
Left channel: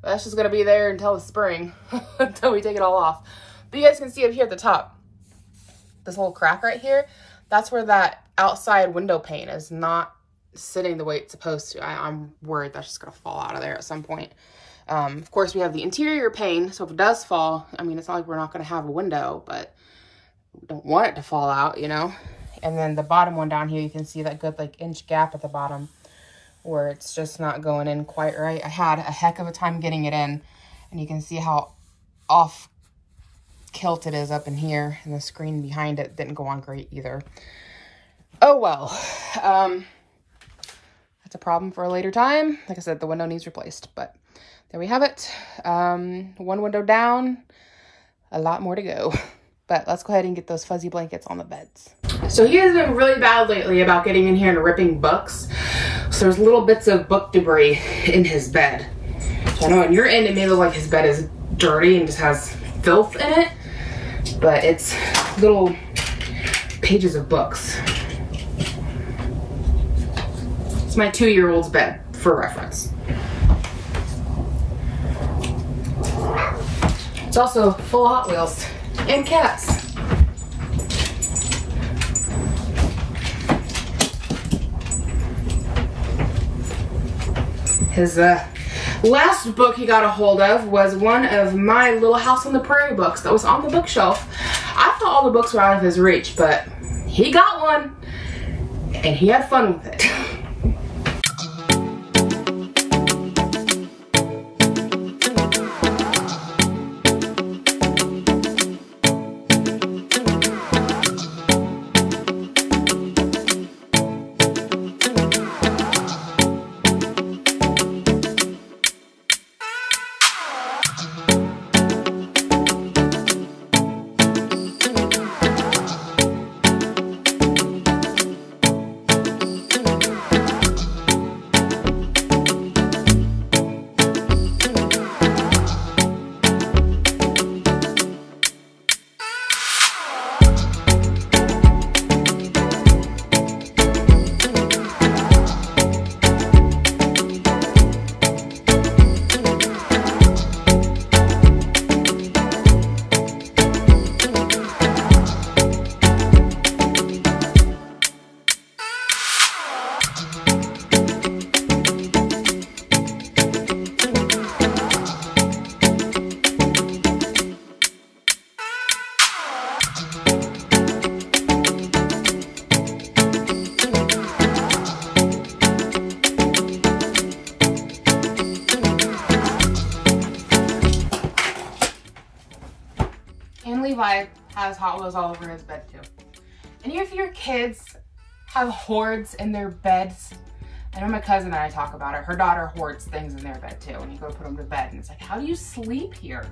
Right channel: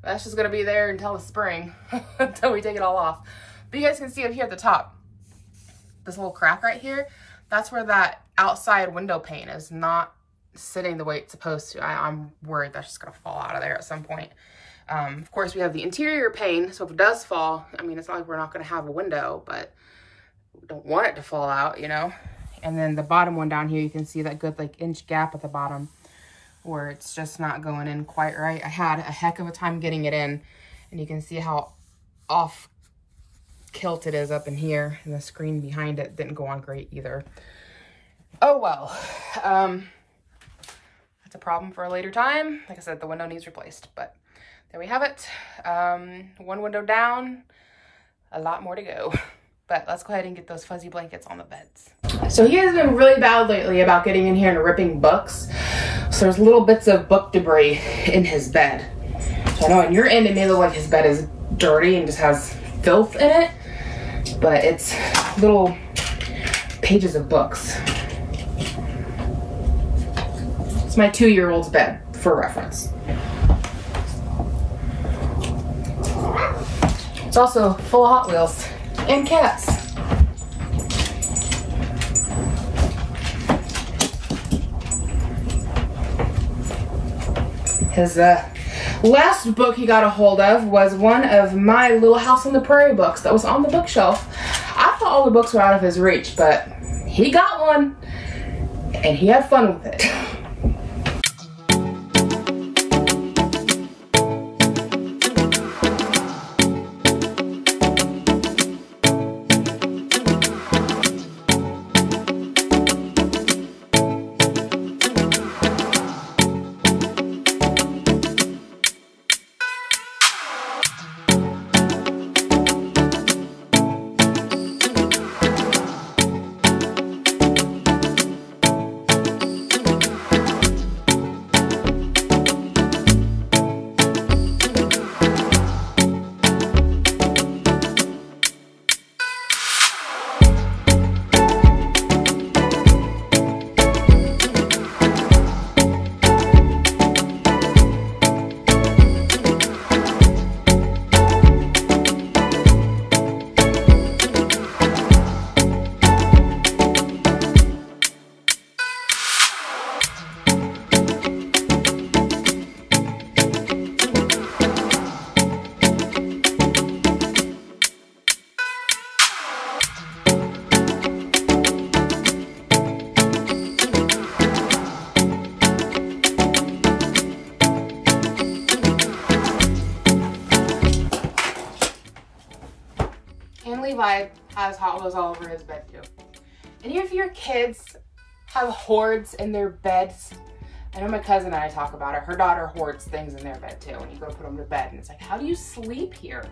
that's just gonna be there until the spring, until we take it all off. But you guys can see it here at the top. This little crack right here, that's where that outside window pane is not sitting the way it's supposed to. I'm worried that's just gonna fall out of there at some point. Of course, we have the interior pane, so if it does fall, I mean, it's not like we're not gonna have a window, but we don't want it to fall out, you know? And then the bottom one down here, you can see that good like inch gap at the bottom where it's just not going in quite right. I had a heck of a time getting it in, and you can see how off kilt it is up in here, and the screen behind it didn't go on great either. Oh well. That's a problem for a later time. Like I said, the window needs replaced, but there we have it. One window down, a lot more to go. But let's go ahead and get those fuzzy blankets on the beds. So he has been really bad lately about getting in here and ripping books. So there's little bits of book debris in his bed. So I know on your end it may look like his bed is dirty and just has filth in it, but it's little pages of books. It's my 2-year-old's bed for reference. It's also full of Hot Wheels and cats. His last book he got a hold of was one of my Little House on the Prairie books that was on the bookshelf. I thought all the books were out of his reach, but he got one and he had fun with it. Levi has Hot Wheels all over his bed too. Any of your kids have hoards in their beds? I know my cousin and I talk about it. Her daughter hoards things in their bed too, and you go to put them to bed and it's like, how do you sleep here?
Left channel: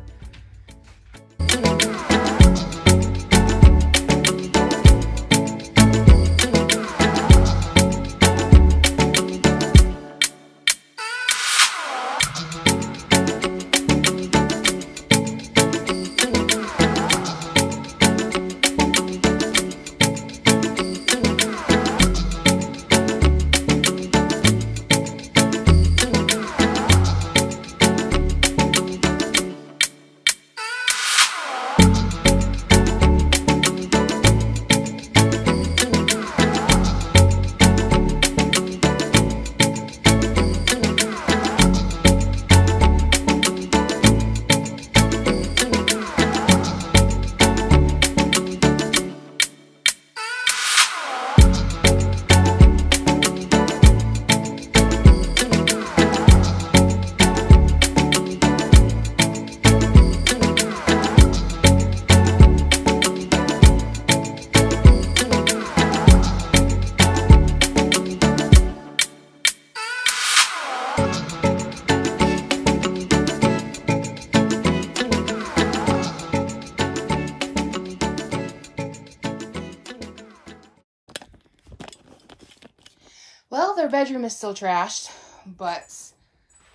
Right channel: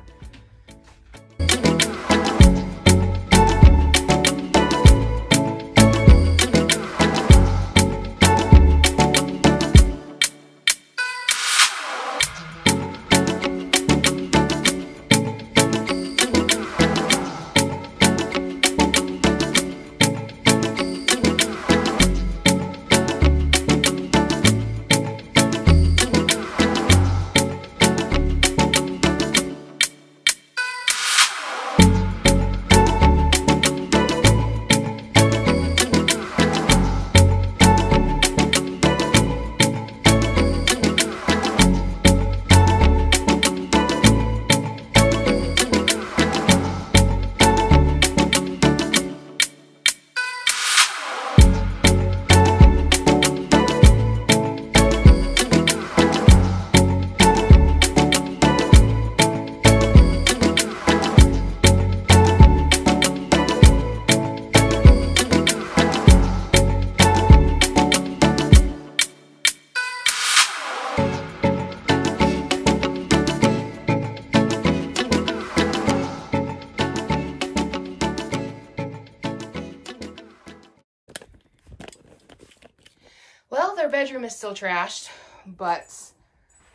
Well, their bedroom is still trashed, but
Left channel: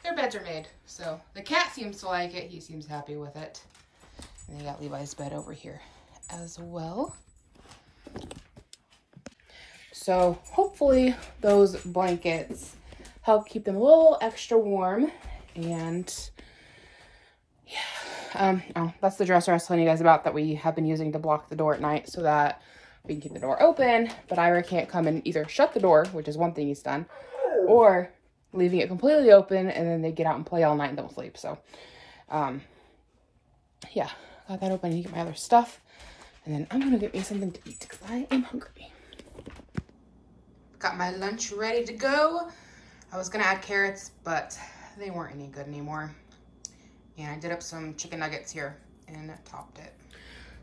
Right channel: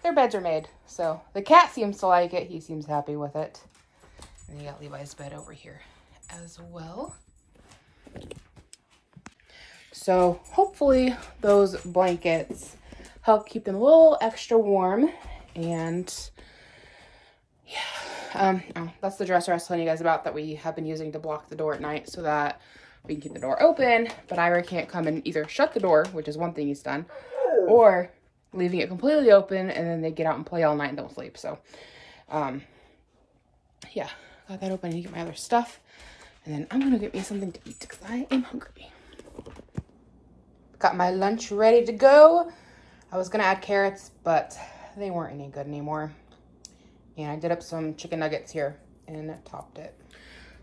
their beds are made. So the cat seems to like it. He seems happy with it. And you got Levi's bed over here as well. So hopefully those blankets help keep them a little extra warm. And yeah, oh, that's the dresser I was telling you guys about that we have been using to block the door at night so that we can keep the door open, but Ira can't come and either shut the door, which is one thing he's done, or leaving it completely open and then they get out and play all night and don't sleep. So, yeah, got that open. I need to get my other stuff, and then I'm gonna get me something to eat because I am hungry. Got my lunch ready to go. I was gonna add carrots, but they weren't any good anymore. And I did up some chicken nuggets here and topped it.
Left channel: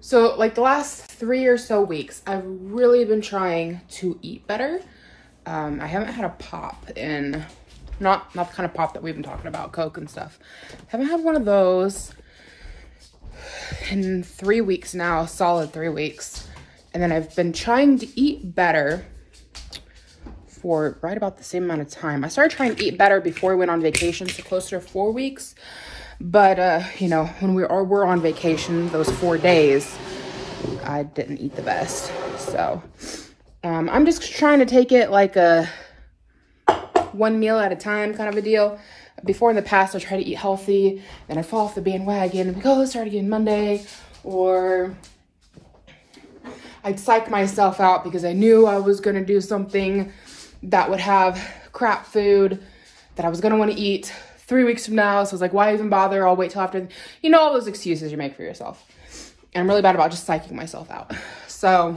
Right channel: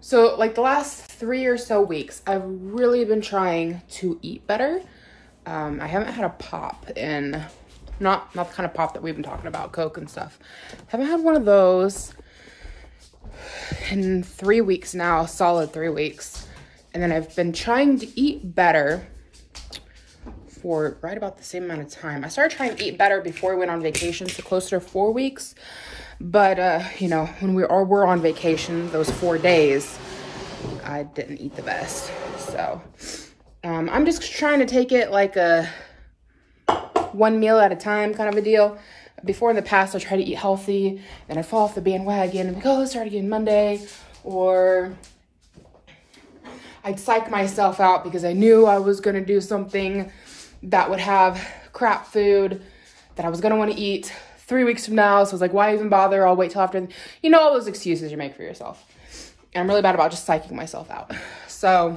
So like the last 3 or so weeks, I've really been trying to eat better. I haven't had a pop in, not the kind of pop that we've been talking about, Coke and stuff. Haven't had one of those in 3 weeks now, solid 3 weeks. And then I've been trying to eat better for right about the same amount of time. I started trying to eat better before we went on vacation, so closer to 4 weeks. But, you know, when we're on vacation, those 4 days, I didn't eat the best. So, I'm just trying to take it like a one meal at a time kind of a deal. Before in the past, I tried to eat healthy, and I'd fall off the bandwagon and be like, oh, let's start again Monday. Or I'd psych myself out because I knew I was going to do something that would have crap food that I was going to want to eat 3 weeks from now. So I was like, why even bother? I'll wait till after, you know, all those excuses you make for yourself. And I'm really bad about just psyching myself out. So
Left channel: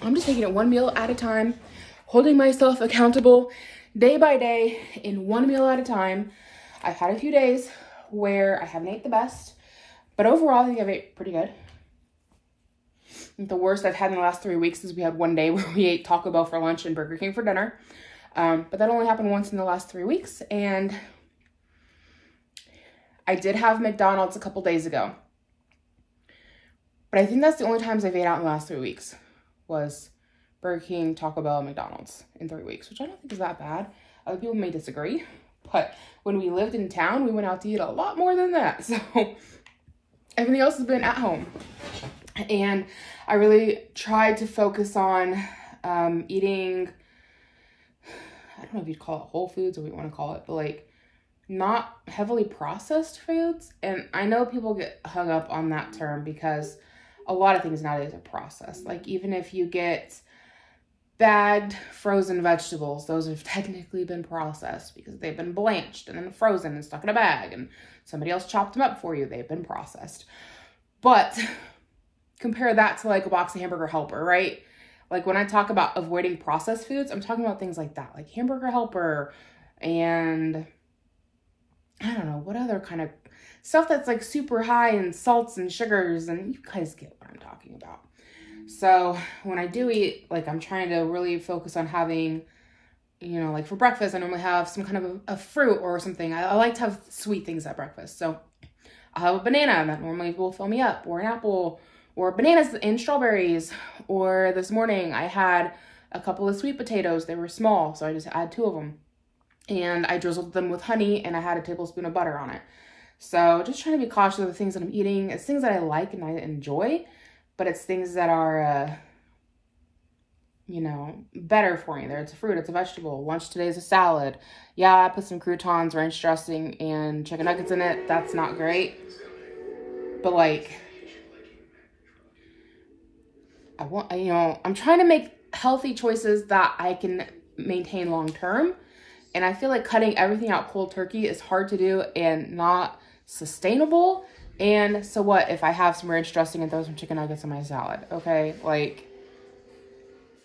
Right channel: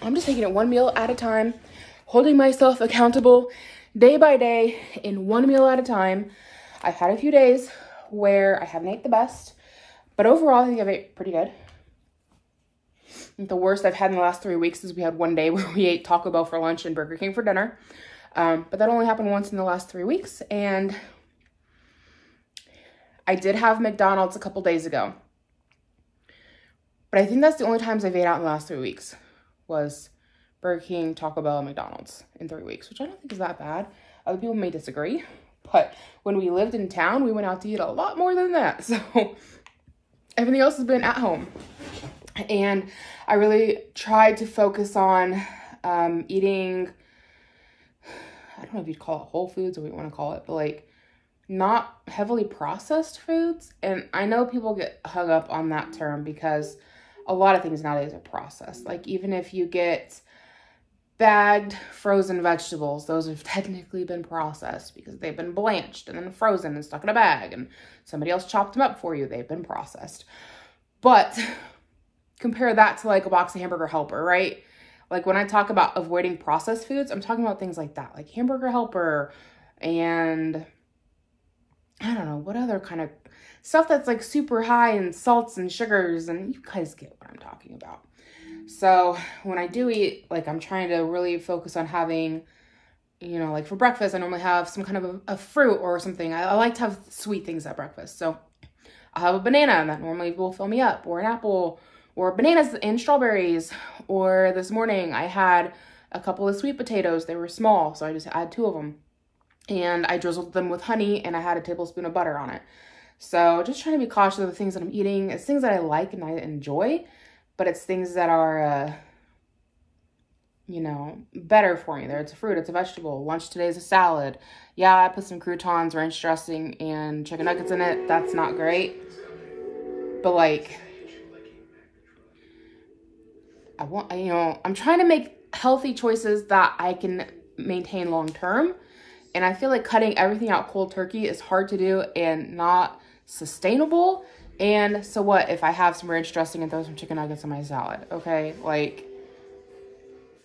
I'm just taking it one meal at a time, holding myself accountable day by day in one meal at a time. I've had a few days where I haven't ate the best, but overall I think I've ate pretty good. The worst I've had in the last 3 weeks is we had one day where we ate Taco Bell for lunch and Burger King for dinner. But that only happened once in the last 3 weeks. And I did have McDonald's a couple days ago. But I think that's the only times I've ate out in the last 3 weeks was Burger King, Taco Bell, and McDonald's in 3 weeks, which I don't think is that bad. Other people may disagree, but when we lived in town, we went out to eat a lot more than that. So everything else has been at home. And I really tried to focus on eating, I don't know if you'd call it whole foods or what you want to call it, but like not heavily processed foods. And I know people get hung up on that term because a lot of things nowadays are processed. Like even if you get bagged frozen vegetables, those have technically been processed because they've been blanched and then frozen and stuck in a bag and somebody else chopped them up for you. They've been processed. But compare that to like a box of Hamburger Helper, right? Like when I talk about avoiding processed foods, I'm talking about things like that, like Hamburger Helper and I don't know, what other kind of stuff that's like super high in salts and sugars, and you guys get what I'm talking about. So when I do eat, like I'm trying to really focus on having, you know, like for breakfast, I normally have some kind of a fruit or something. I like to have sweet things at breakfast. So I'll have a banana that normally will fill me up, or an apple, or bananas and strawberries. Or this morning I had a couple of sweet potatoes. They were small, so I just had 2 of them. And I drizzled them with honey and I had a tablespoon of butter on it. So just trying to be cautious of the things that I'm eating. It's things that I like and I enjoy, but it's things that are, you know, better for me. It's a fruit, it's a vegetable. Lunch today is a salad. Yeah, I put some croutons, ranch dressing, and chicken nuggets in it. That's not great. But like, you know, I'm trying to make healthy choices that I can maintain long term. And I feel like cutting everything out cold turkey is hard to do and not sustainable. And so what if I have some ranch dressing and throw some chicken nuggets in my salad? Okay, like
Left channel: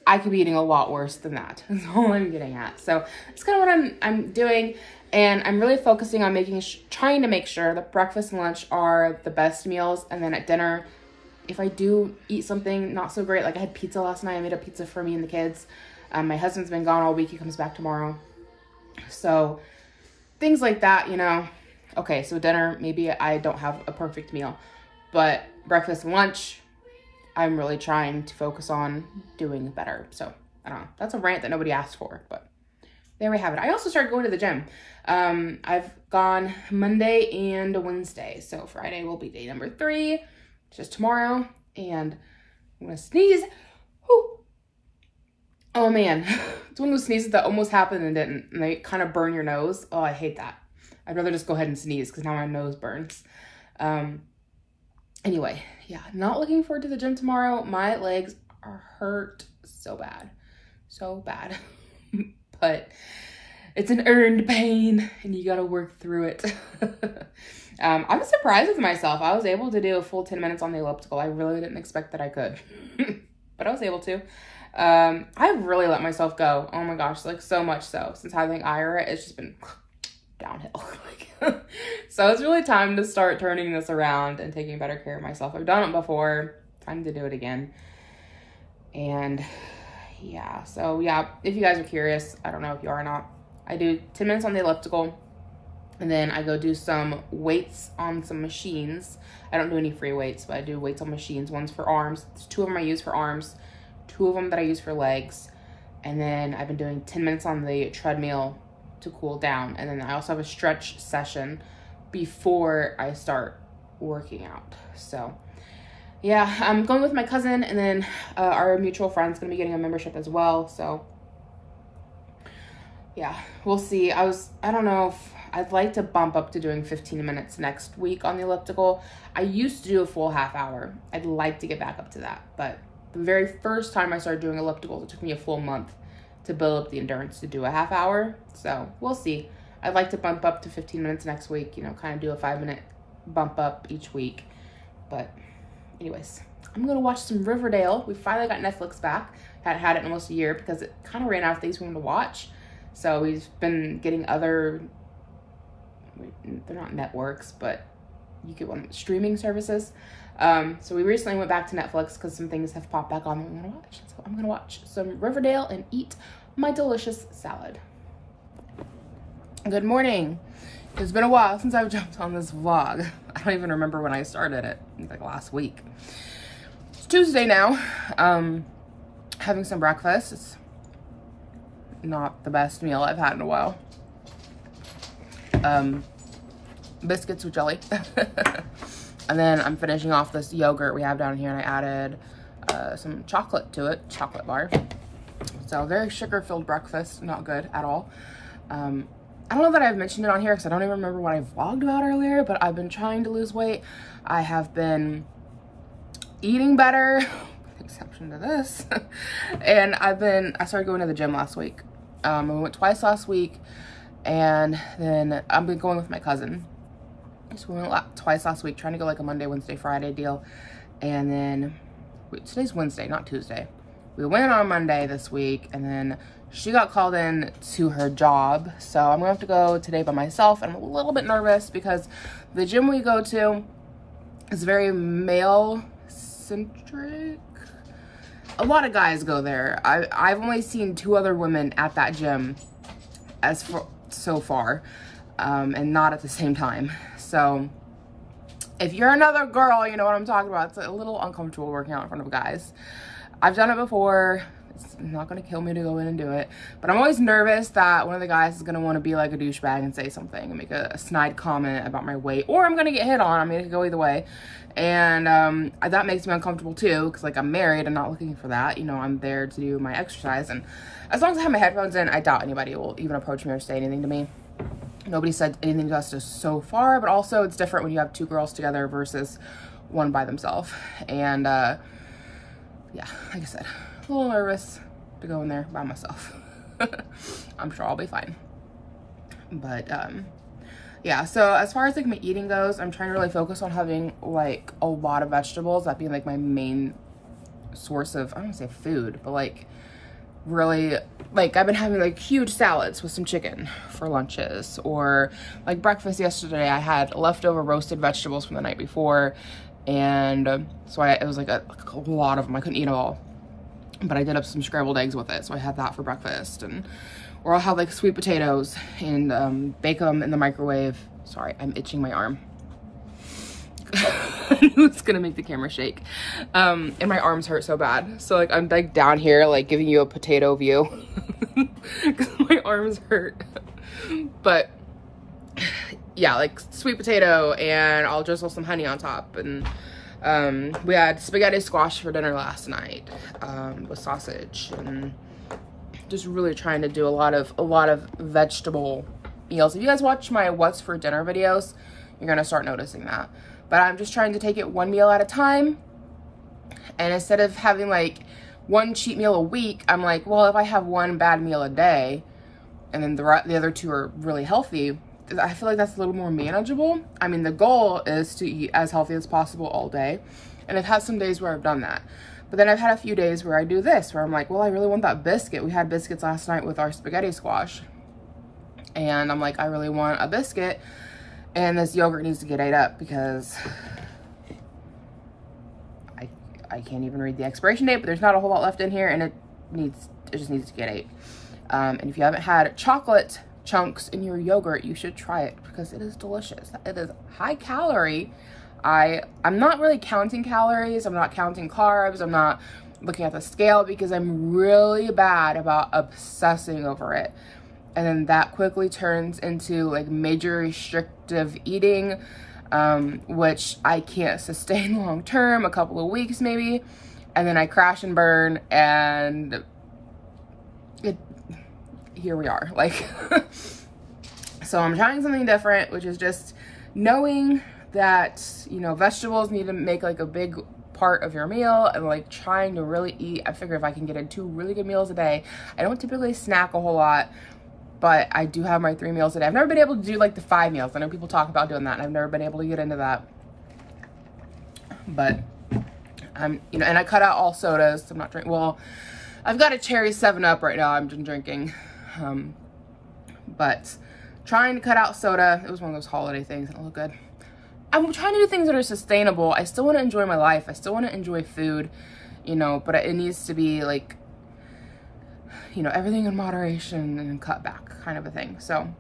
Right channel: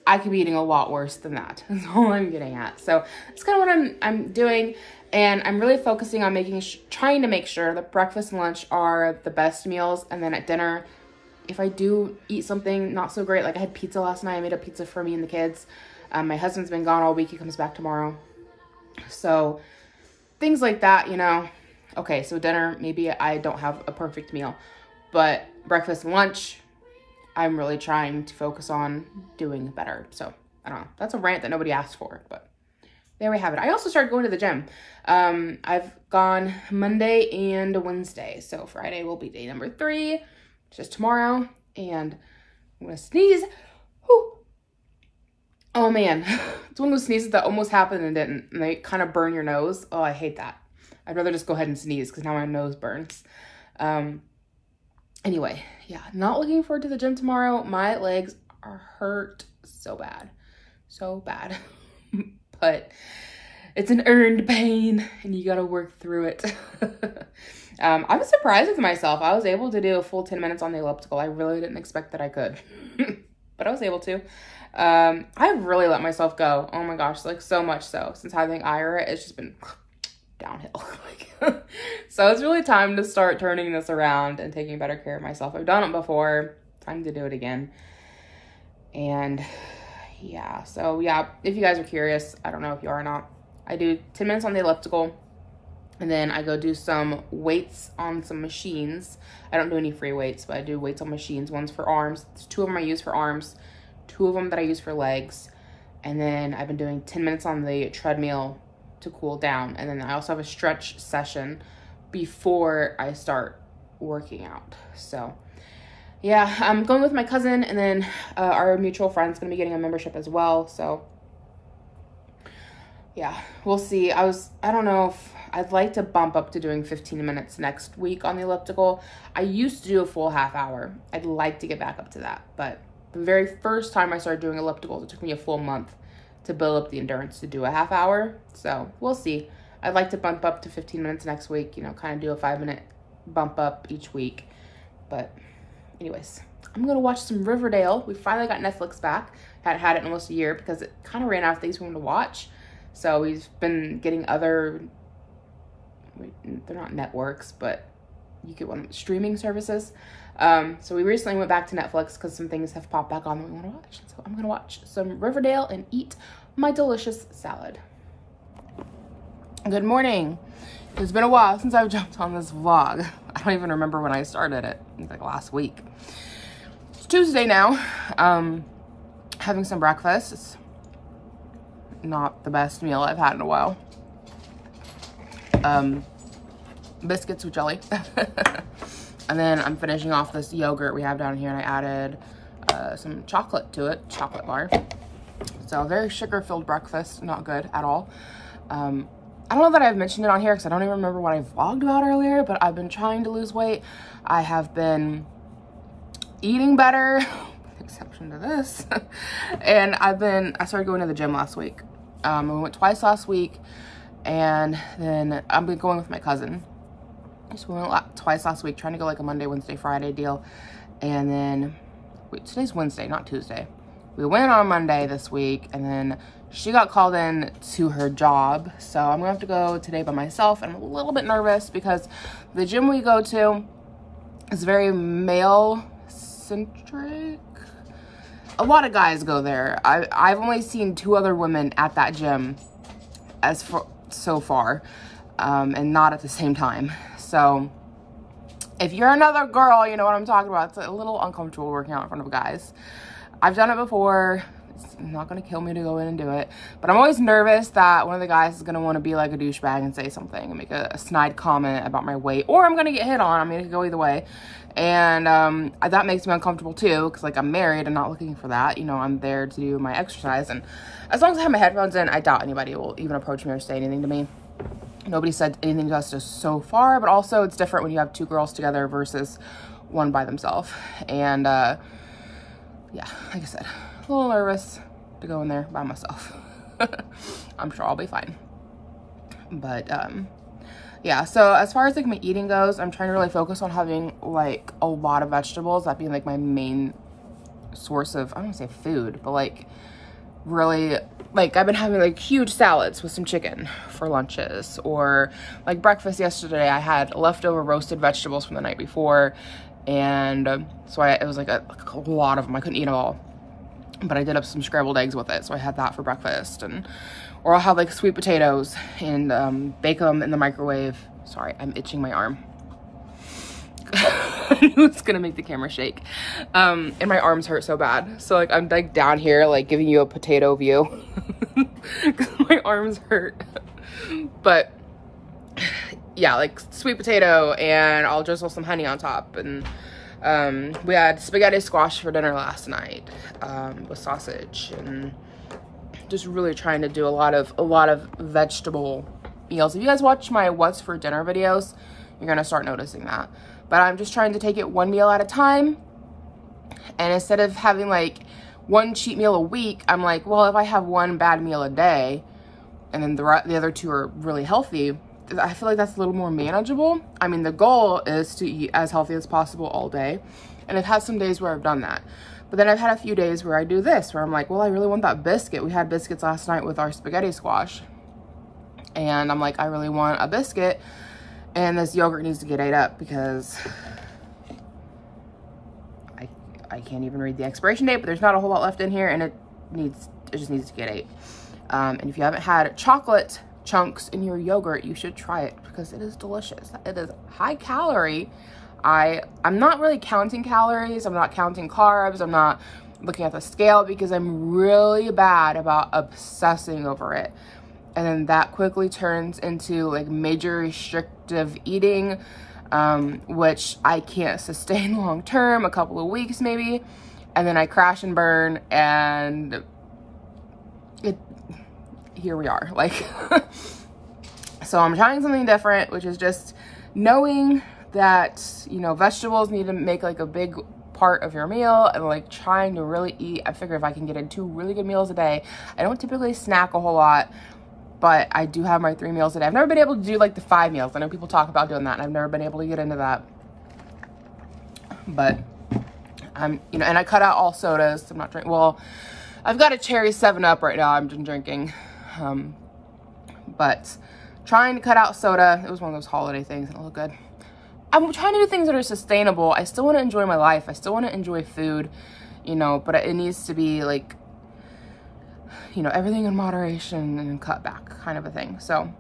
I could be eating a lot worse than that. That's all I'm getting at. So that's kind of what I'm doing. And I'm really focusing on trying to make sure that breakfast and lunch are the best meals. And then at dinner, if I do eat something not so great, like I had pizza last night. I made a pizza for me and the kids. My husband's been gone all week. He comes back tomorrow. So things like that, you know. Okay, so dinner, maybe I don't have a perfect meal. But breakfast and lunch, I'm really trying to focus on doing better. So, I don't know. That's a rant that nobody asked for, but there we have it. I also started going to the gym. I've gone Monday and Wednesday. So Friday will be day number 3, just tomorrow. And I'm gonna sneeze. Whew. Oh man, it's one of those sneezes that almost happened and didn't. And they kind of burn your nose. Oh, I hate that. I'd rather just go ahead and sneeze because now my nose burns. Anyway, yeah, not looking forward to the gym tomorrow. My legs are hurt so bad. So bad. But it's an earned pain and you gotta work through it. I was surprised with myself. I was able to do a full 10 minutes on the elliptical. I really didn't expect that I could, but I was able to. I've really let myself go. Oh my gosh, like so much so. Since having Ira, it's just been downhill. So it's really time to start turning this around and taking better care of myself. I've done it before. Time to do it again. And yeah, so yeah, if you guys are curious, I don't know if you are or not, I do 10 minutes on the elliptical and then I go do some weights on some machines. I don't do any free weights, but I do weights on machines. One's for arms. 2 of them I use for arms, 2 of them that I use for legs. And then I've been doing 10 minutes on the treadmill to cool down. And then I also have a stretch session before I start working out. So yeah, I'm going with my cousin, and then our mutual friend's gonna be getting a membership as well. So yeah, we'll see. I don't know if I'd like to bump up to doing 15 minutes next week on the elliptical. I used to do a full half hour. I'd like to get back up to that. But the very first time I started doing ellipticals, it took me a full month to build up the endurance to do a half hour. So we'll see. I'd like to bump up to 15 minutes next week, you know, kind of do a 5-minute bump up each week. But anyways, I'm gonna watch some Riverdale. We finally got Netflix back. Hadn't had it in almost a year because it kind of ran out of things for me to watch. So we've been getting other, they're not networks, but you get one, streaming services. So we recently went back to Netflix because some things have popped back on that we want to watch. So I'm gonna watch some Riverdale and eat my delicious salad. Good morning. It's been a while since I've jumped on this vlog. I don't even remember when I started it. It was like last week. It's Tuesday now. Having some breakfast. It's not the best meal I've had in a while. Biscuits with jelly. And then I'm finishing off this yogurt we have down here, and I added some chocolate to it, chocolate bar. So very sugar-filled breakfast, not good at all. I don't know that I've mentioned it on here because I don't even remember what I vlogged about earlier, but I've been trying to lose weight. I have been eating better, with the exception to this. And I started going to the gym last week. We went twice last week, and then I've been going with my cousin. So we went twice last week, trying to go like a Monday, Wednesday, Friday deal. And then, wait, today's Wednesday, not Tuesday. We went on Monday this week, and then she got called in to her job. So I'm gonna have to go today by myself, and I'm a little bit nervous because the gym we go to is very male-centric. A lot of guys go there. I've only seen 2 other women at that gym so far, and not at the same time. So if you're another girl, you know what I'm talking about. It's a little uncomfortable working out in front of guys. I've done it before. It's not gonna kill me to go in and do it, but I'm always nervous that one of the guys is gonna want to be like a douchebag and say something and make a snide comment about my weight, or I'm gonna get hit on. I mean, it could go either way. And that makes me uncomfortable too, because like I'm married and not looking for that. You know, I'm there to do my exercise, and as long as I have my headphones in, I doubt anybody will even approach me or say anything to me. Nobody said anything to us just so far, but also it's different when you have 2 girls together versus one by themselves. And yeah, like I said, a little nervous to go in there by myself. I'm sure I'll be fine. But yeah, so as far as like my eating goes, I'm trying to really focus on having like a lot of vegetables, that being like my main source of, I don't want to say food, but like really, like I've been having like huge salads with some chicken for lunches, or like breakfast yesterday I had leftover roasted vegetables from the night before, and so it was like a lot of them. I couldn't eat them all, but I did up some scrambled eggs with it, so I had that for breakfast. And or I'll have like sweet potatoes and bake them in the microwave. Sorry, I'm itching my arm. I knew it's gonna make the camera shake. And my arms hurt so bad. So like I'm like down here like giving you a potato view. Cause my my arms hurt. But yeah, like sweet potato, and I'll drizzle some honey on top. And we had spaghetti squash for dinner last night with sausage, and just really trying to do a lot of vegetable meals. If you guys watch my what's for dinner videos, you're gonna start noticing that. But I'm just trying to take it one meal at a time, and instead of having like one cheat meal a week, I'm like, well, if I have one bad meal a day and then the other two are really healthy, I feel like that's a little more manageable. I mean, the goal is to eat as healthy as possible all day, and I've had some days where I've done that. But then I've had a few days where I do this, where I'm like, well, I really want that biscuit. We had biscuits last night with our spaghetti squash, and I'm like, I really want a biscuit, and this yogurt needs to get ate up because I can't even read the expiration date, but there's not a whole lot left in here, and it just needs to get ate. And if you haven't had chocolate chunks in your yogurt, you should try it because it is delicious. It is high calorie. I'm not really counting calories. I'm not counting carbs. I'm not looking at the scale because I'm really bad about obsessing over it. And then that quickly turns into like major restrictive eating, which I can't sustain long term, a couple of weeks maybe. And then I crash and burn, and here we are. Like, so I'm trying something different, which is just knowing that, you know, vegetables need to make like a big part of your meal, and like trying to really eat. I figure if I can get in 2 really good meals a day, I don't typically snack a whole lot, but I do have my 3 meals a day. I've never been able to do like the 5 meals. I know people talk about doing that, and I've never been able to get into that. But you know, and I cut out all sodas. I'm not drinking. Well, I've got a cherry 7-Up right now I'm drinking. But trying to cut out soda. It was one of those holiday things, and it looked good. I'm trying to do things that are sustainable. I still want to enjoy my life. I still want to enjoy food, you know, but it needs to be like, you know, everything in moderation and cut back kind of a thing. So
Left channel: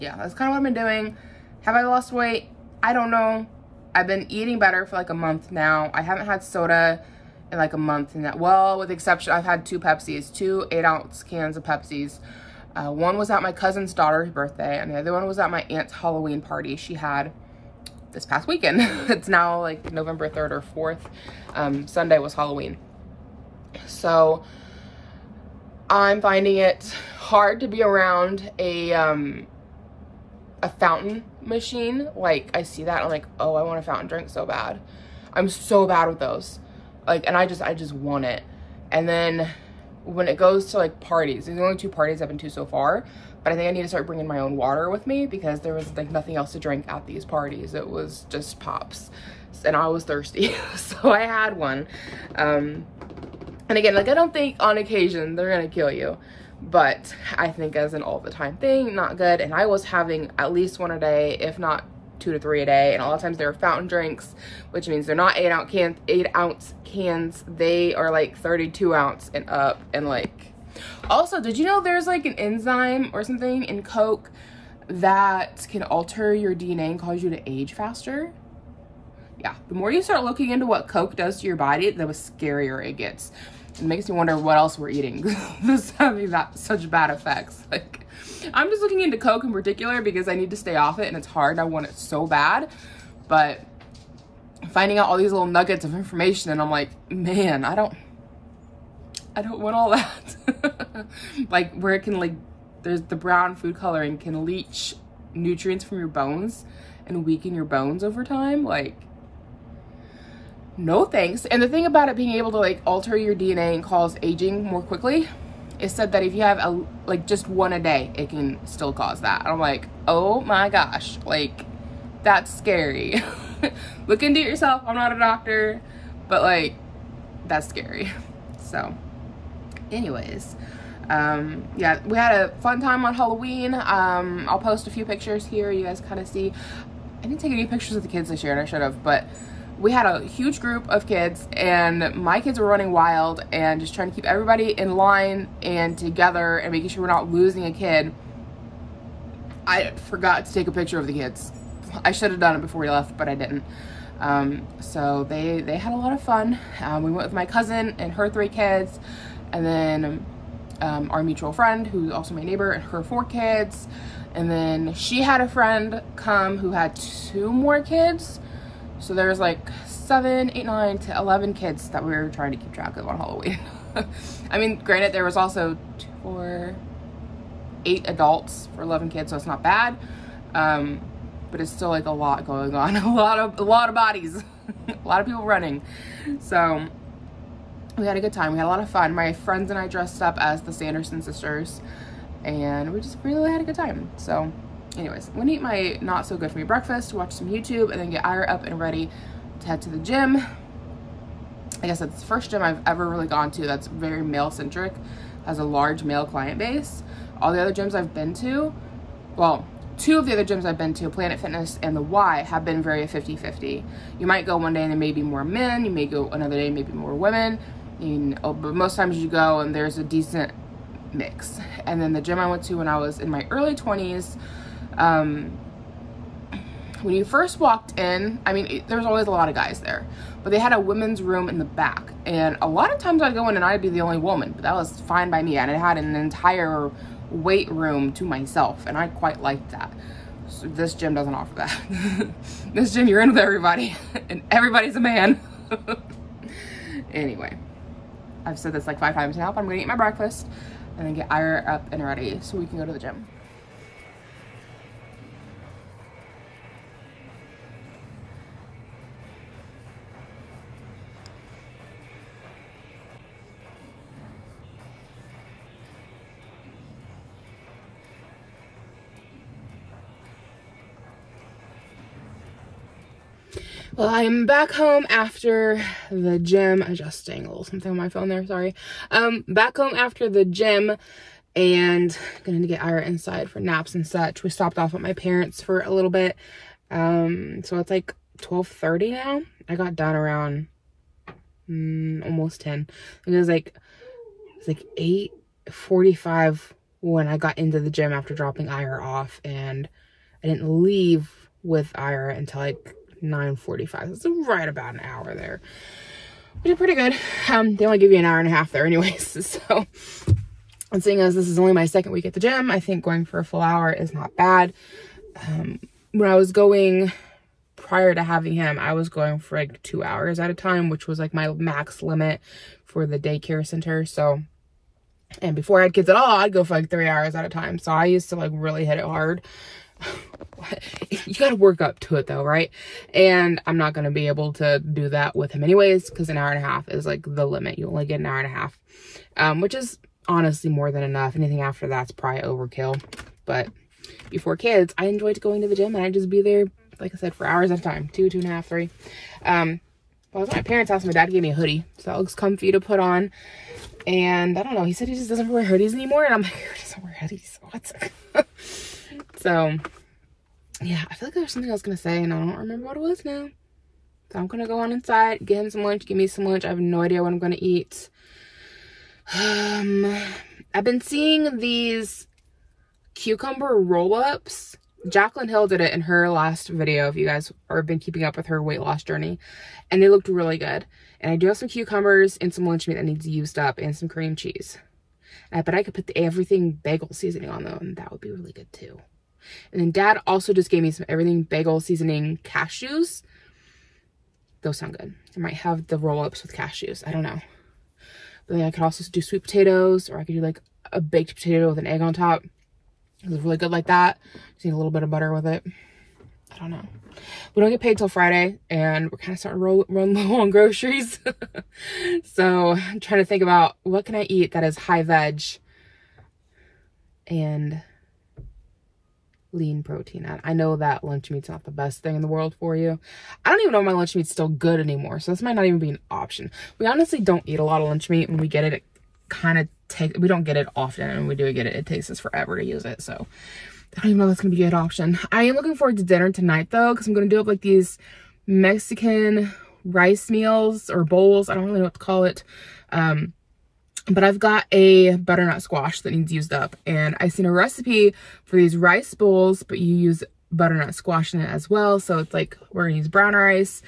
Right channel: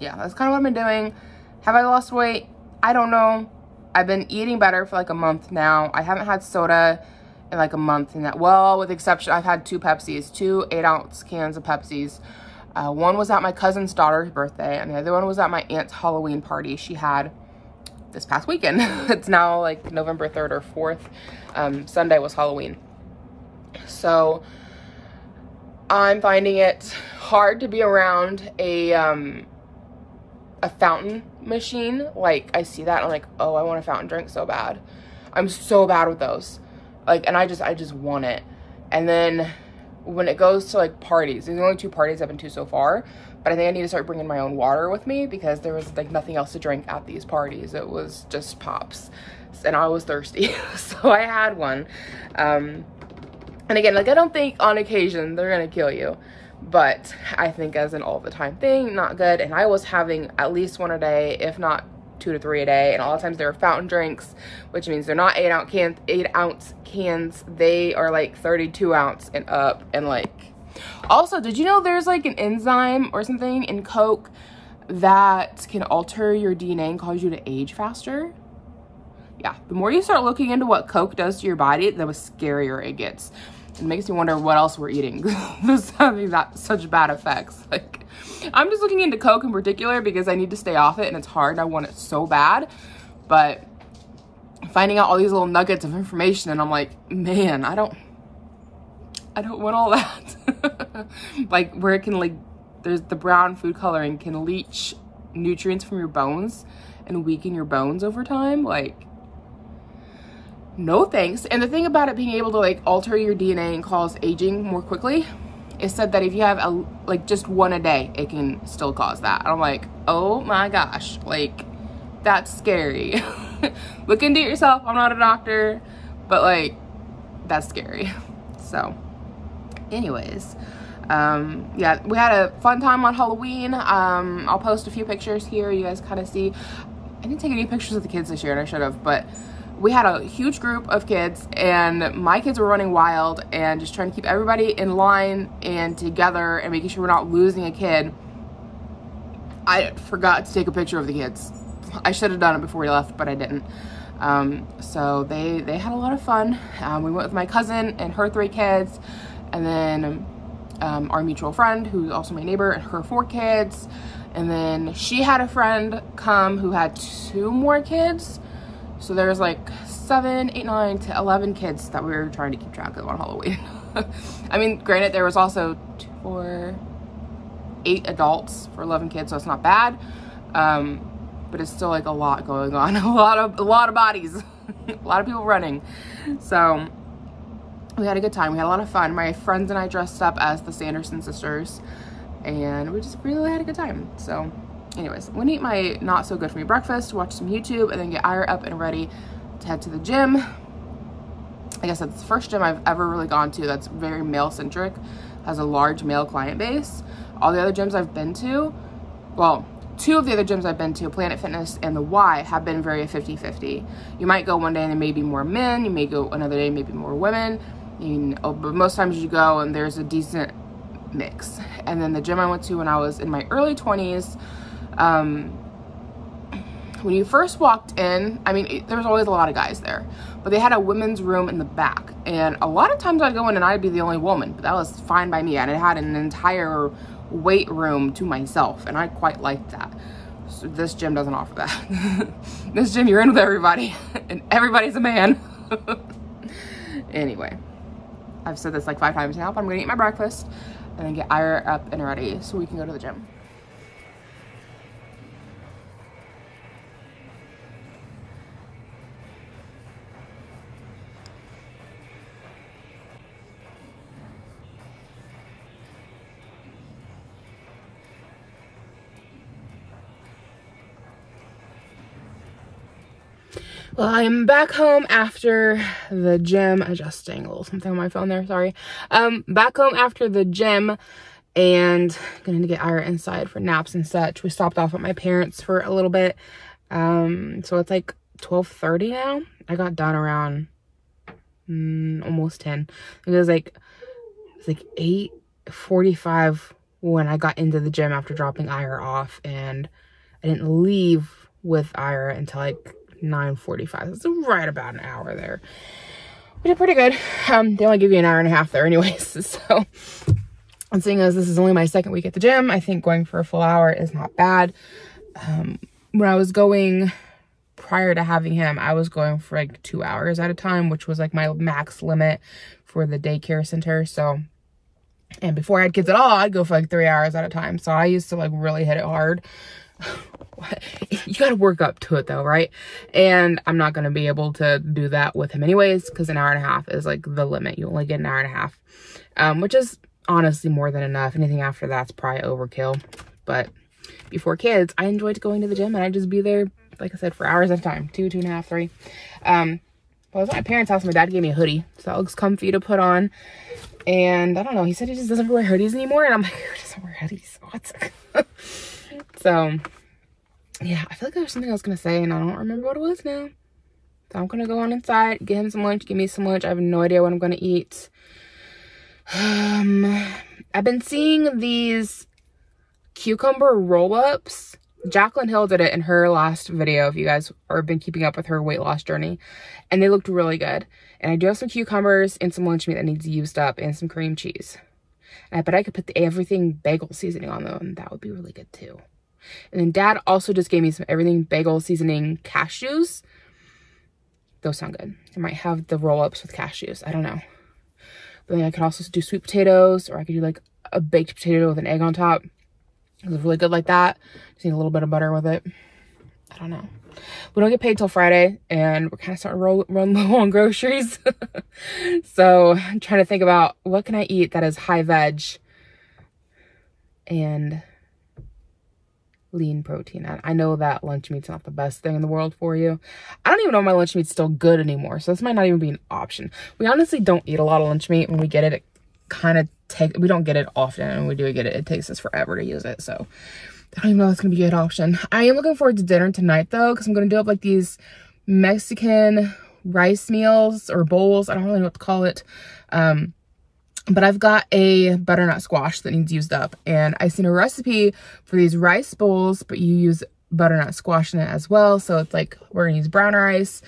yeah, that's kind of what I've been doing. Have I lost weight? I don't know. I've been eating better for like a month now. I haven't had soda in like a month, and that, well, with the exception, I've had 2 Pepsis, 2 8-ounce cans of Pepsis. One was at my cousin's daughter's birthday, and the other one was at my aunt's Halloween party she had this past weekend. It's now like November 3rd or 4th. Sunday was Halloween. So I'm finding it hard to be around a fountain machine. Like, I see that, I'm like, oh, I want a fountain drink so bad. I'm so bad with those. Like, and I just want it. And then when it goes to like parties, there's only 2 parties I've been to so far, but I think I need to start bringing my own water with me because there was like nothing else to drink at these parties. It was just pops, and I was thirsty. So I had one. And again, like, I don't think on occasion they're gonna kill you, but I think as an all the time thing, not good. And I was having at least 1 a day, if not 2 to 3 a day. And a lot of times they're fountain drinks, which means they're not 8-ounce cans. They are like 32 ounce and up. And like, also, did you know there's like an enzyme or something in Coke that can alter your DNA and cause you to age faster? Yeah, the more you start looking into what Coke does to your body, the scarier it gets. It makes me wonder what else we're eating. This having that such bad effects. Like, I'm just looking into Coke in particular because I need to stay off it, and it's hard. I want it so bad, but finding out all these little nuggets of information, and I'm like, man, I don't want all that. Like, where it can, like, there's the brown food coloring can leach nutrients from your bones and weaken your bones over time. Like, no thanks. And the thing about it being able to like alter your DNA and cause aging more quickly, it said that if you have like just 1 a day, it can still cause that. I'm like, oh my gosh, like, that's scary. Look into it yourself. I'm not a doctor, but like, that's scary. So anyways, yeah, we had a fun time on Halloween. I'll post a few pictures here. You guys kind of see. I didn't take any pictures of the kids this year, and I should have, but we had a huge group of kids, and my kids were running wild and just trying to keep everybody in line and together and making sure we're not losing a kid. I forgot to take a picture of the kids. I should have done it before we left, but I didn't. So they had a lot of fun. We went with my cousin and her 3 kids, and then our mutual friend, who's also my neighbor, and her 4 kids. And then she had a friend come who had 2 more kids. So there's like 7, 8, 9 to 11 kids that we were trying to keep track of on Halloween. I mean, granted, there was also 2, 4, 8 adults for 11 kids, so it's not bad. But it's still like a lot going on, a lot of bodies, a lot of people running. So we had a good time. We had a lot of fun. My friends and I dressed up as the Sanderson sisters, and we just really had a good time. So anyways, I'm gonna eat my not so good for me breakfast, watch some YouTube, and then get Ira up and ready to head to the gym. Like I said, it's the first gym I've ever really gone to that's very male centric, has a large male client base. All the other gyms I've been to, well, 2 of the other gyms I've been to, Planet Fitness and the Y, have been very 50-50. You might go one day and there may be more men, you may go another day and maybe more women. But most times you go and there's a decent mix. And then the gym I went to when I was in my early 20s, when you first walked in, I mean, there was always a lot of guys there, but they had a women's room in the back. And a lot of times I'd go in and I'd be the only woman, but that was fine by me. And it had an entire weight room to myself, and I quite liked that. So this gym doesn't offer that. This gym, you're in with everybody, and everybody's a man. Anyway, I've said this like 5 times now, but I'm gonna eat my breakfast and then get Ira up and ready so we can go to the gym. Well, I'm back home after the gym, adjusting a little something on my phone there, sorry. Back home after the gym and gonna get Ira inside for naps and such. We stopped off at my parents' for a little bit. So it's like 12:30 now. I got done around almost 10. It was like 8:45 when I got into the gym after dropping Ira off, and I didn't leave with Ira until like 9:45. It's right about an hour there. We did pretty good. They only give you an hour and a half there anyways. So, and seeing as this is only my 2nd week at the gym, I think going for a full hour is not bad. When I was going prior to having him, I was going for like 2 hours at a time, which was like my max limit for the daycare center. So, and before I had kids at all, I'd go for like 3 hours at a time. So I used to like really hit it hard. You gotta work up to it though, right? And I'm not gonna be able to do that with him anyways, because an hour and a half is like the limit. You only get an hour and a half, which is honestly more than enough. Anything after that's probably overkill. But before kids, I enjoyed going to the gym, and I'd just be there, like I said, for hours at a time, 2, 2.5, 3. I was at my parents' house. My dad gave me a hoodie, so that looks comfy to put on. And I don't know, he said he just doesn't wear hoodies anymore, and I'm like, who doesn't wear hoodies? What? So yeah, I feel like there was something I was gonna say and I don't remember what it was now. So I'm gonna go on inside, get him some lunch, give me some lunch. I have no idea what I'm gonna eat. I've been seeing these cucumber roll-ups. Jaclyn Hill did it in her last video, if you guys have been keeping up with her weight loss journey, and they looked really good. And I do have some cucumbers and some lunch meat that needs used up, and some cream cheese. But I could put the everything bagel seasoning on them, and that would be really good too. And then Dad also just gave me some everything bagel seasoning cashews. Those sound good. I might have the roll-ups with cashews. I don't know. But then I could also do sweet potatoes, or I could do like a baked potato with an egg on top. It was really good like that. Just need a little bit of butter with it. I don't know. We don't get paid till Friday, and we're kind of starting to run low on groceries. So I'm trying to think about what can I eat that is high veg and lean protein. I know that lunch meat's not the best thing in the world for you. I don't even know if my lunch meat's still good anymore, so this might not even be an option. We honestly don't eat a lot of lunch meat. When we get it kind of we don't get it often, and when we do get it, it takes us forever to use it. So I don't even know if it's gonna be a good option. I am looking forward to dinner tonight though, because I'm gonna do up like these Mexican rice meals or bowls. I don't really know what to call it. But I've got a butternut squash that needs used up, and I seen a recipe for these rice bowls, but you use butternut squash in it as well. So it's like, we're gonna use brown rice,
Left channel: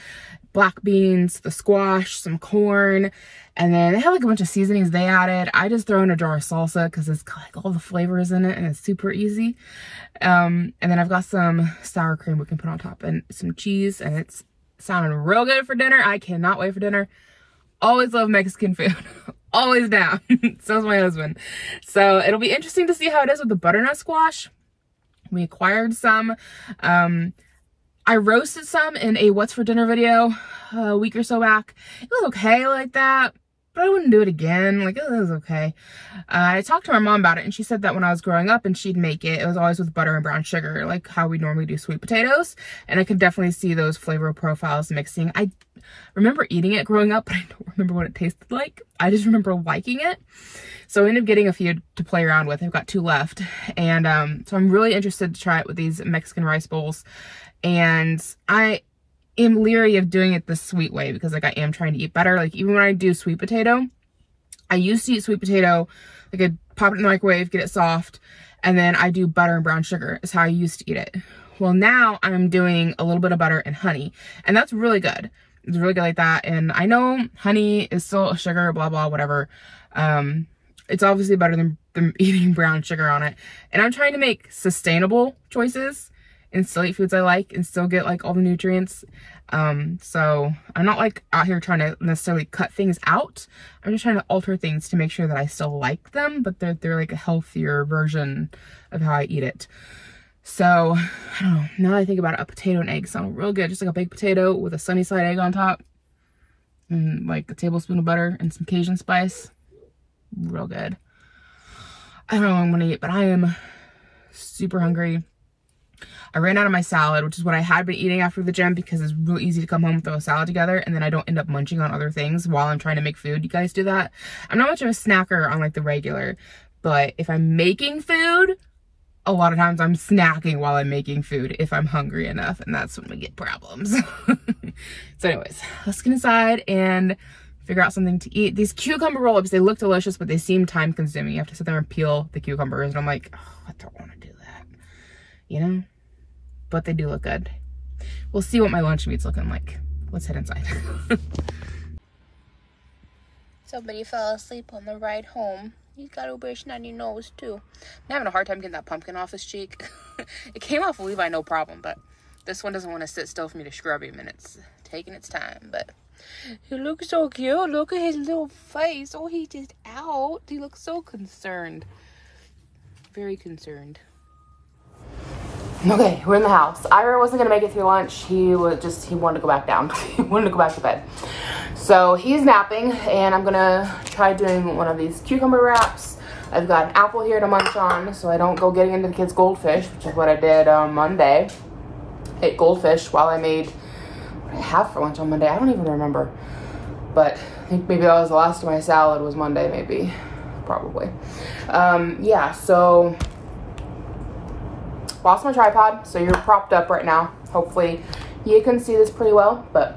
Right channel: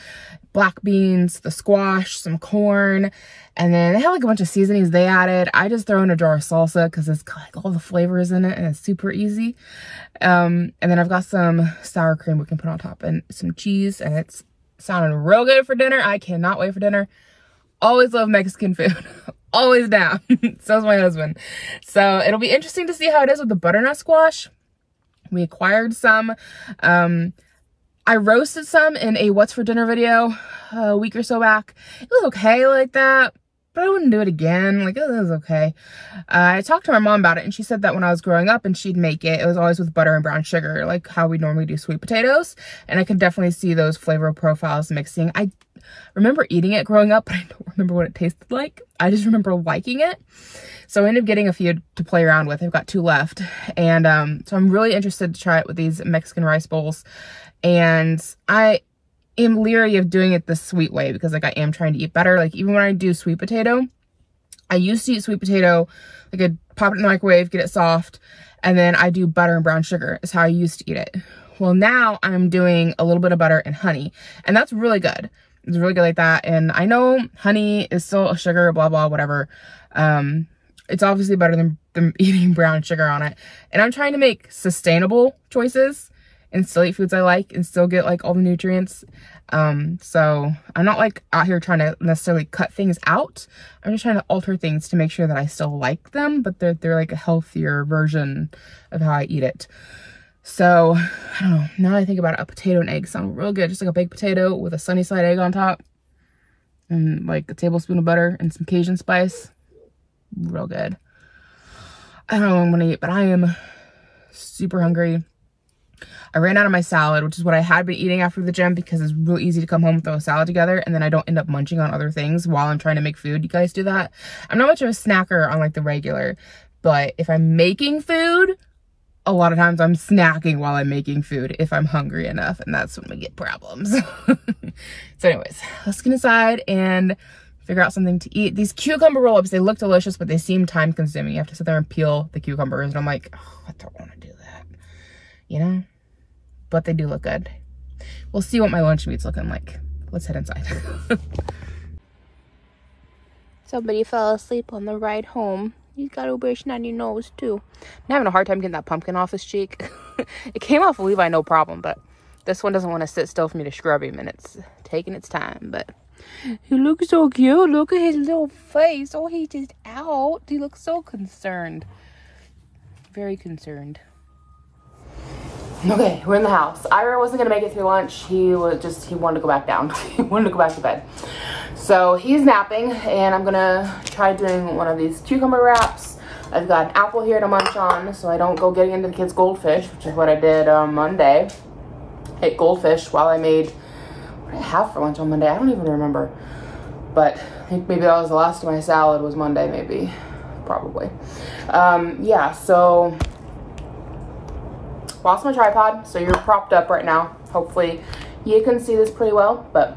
black beans, the squash, some corn, and then they have like a bunch of seasonings they added. I just throw in a jar of salsa because it's got like all the flavors in it and it's super easy. And then I've got some sour cream we can put on top and some cheese, and it's sounding real good for dinner. I cannot wait for dinner. Always love Mexican food. Always down. So's my husband. So it'll be interesting to see how it is with the butternut squash. We acquired some. I roasted some in a what's for dinner video a week or so back. It was okay like that, but I wouldn't do it again. Like, it was okay. I talked to my mom about it, and she said that when I was growing up and she'd make it, it was always with butter and brown sugar, like how we normally do sweet potatoes. And I could definitely see those flavor profiles mixing. I remember eating it growing up, but I don't remember what it tasted like. I just remember liking it. So I ended up getting a few to play around with. I've got 2 left. And so I'm really interested to try it with these Mexican rice bowls. And I am leery of doing it the sweet way because like I am trying to eat better. Like even when I do sweet potato, I used to eat sweet potato, like I'd pop it in the microwave, get it soft, and then I do butter and brown sugar is how I used to eat it. Well, now I'm doing a little bit of butter and honey, and that's really good. It's really good like that. And I know honey is still a sugar, blah, blah, whatever. It's obviously better than eating brown sugar on it. And I'm trying to make sustainable choices and still eat foods I like and still get like all the nutrients. So I'm not like out here trying to necessarily cut things out. I'm just trying to alter things to make sure that I still like them, but they're like a healthier version of how I eat it. So I don't know, now that I think about it, a potato and egg sound real good. Just like a baked potato with a sunny side egg on top and like a tablespoon of butter and some Cajun spice. Real good. I don't know what I'm gonna eat, but I am super hungry. I ran out of my salad, which is what I had been eating after the gym because it's real easy to come home and throw a salad together and then I don't end up munching on other things while I'm trying to make food. You guys do that? I'm not much of a snacker on like the regular, but if I'm making food, a lot of times I'm snacking while I'm making food if I'm hungry enough, and that's when we get problems. So anyways, let's get inside and figure out something to eat. These cucumber roll-ups, they look delicious, but they seem time consuming. You have to sit there and peel the cucumbers, and I'm like, oh, I don't want to do that, you know? But they do look good. We'll see what my lunch meat's looking like. Let's head inside. Somebody fell asleep on the ride home. He's got a very snotty nose too. I'm having a hard time getting that pumpkin off his cheek. It came off of Levi no problem, but this one doesn't want to sit still for me to scrub him, and it's taking its time. But he looks so cute. Look at his little face. Oh, he's just out. He looks so concerned. Very concerned. Okay, we're in the house. Ira wasn't gonna make it through lunch. He wanted to go back down. He wanted to go back to bed. So he's napping, and I'm gonna try doing one of these cucumber wraps. I've got an apple here to munch on, so I don't go getting into the kids' goldfish, which is what I did on Monday. Ate goldfish while I made, what did I have for lunch on Monday? I don't even remember. But I think maybe that was the last of my salad was Monday, maybe. Probably. Yeah, so lost my tripod, so you're propped up right now. Hopefully you can see this pretty well, but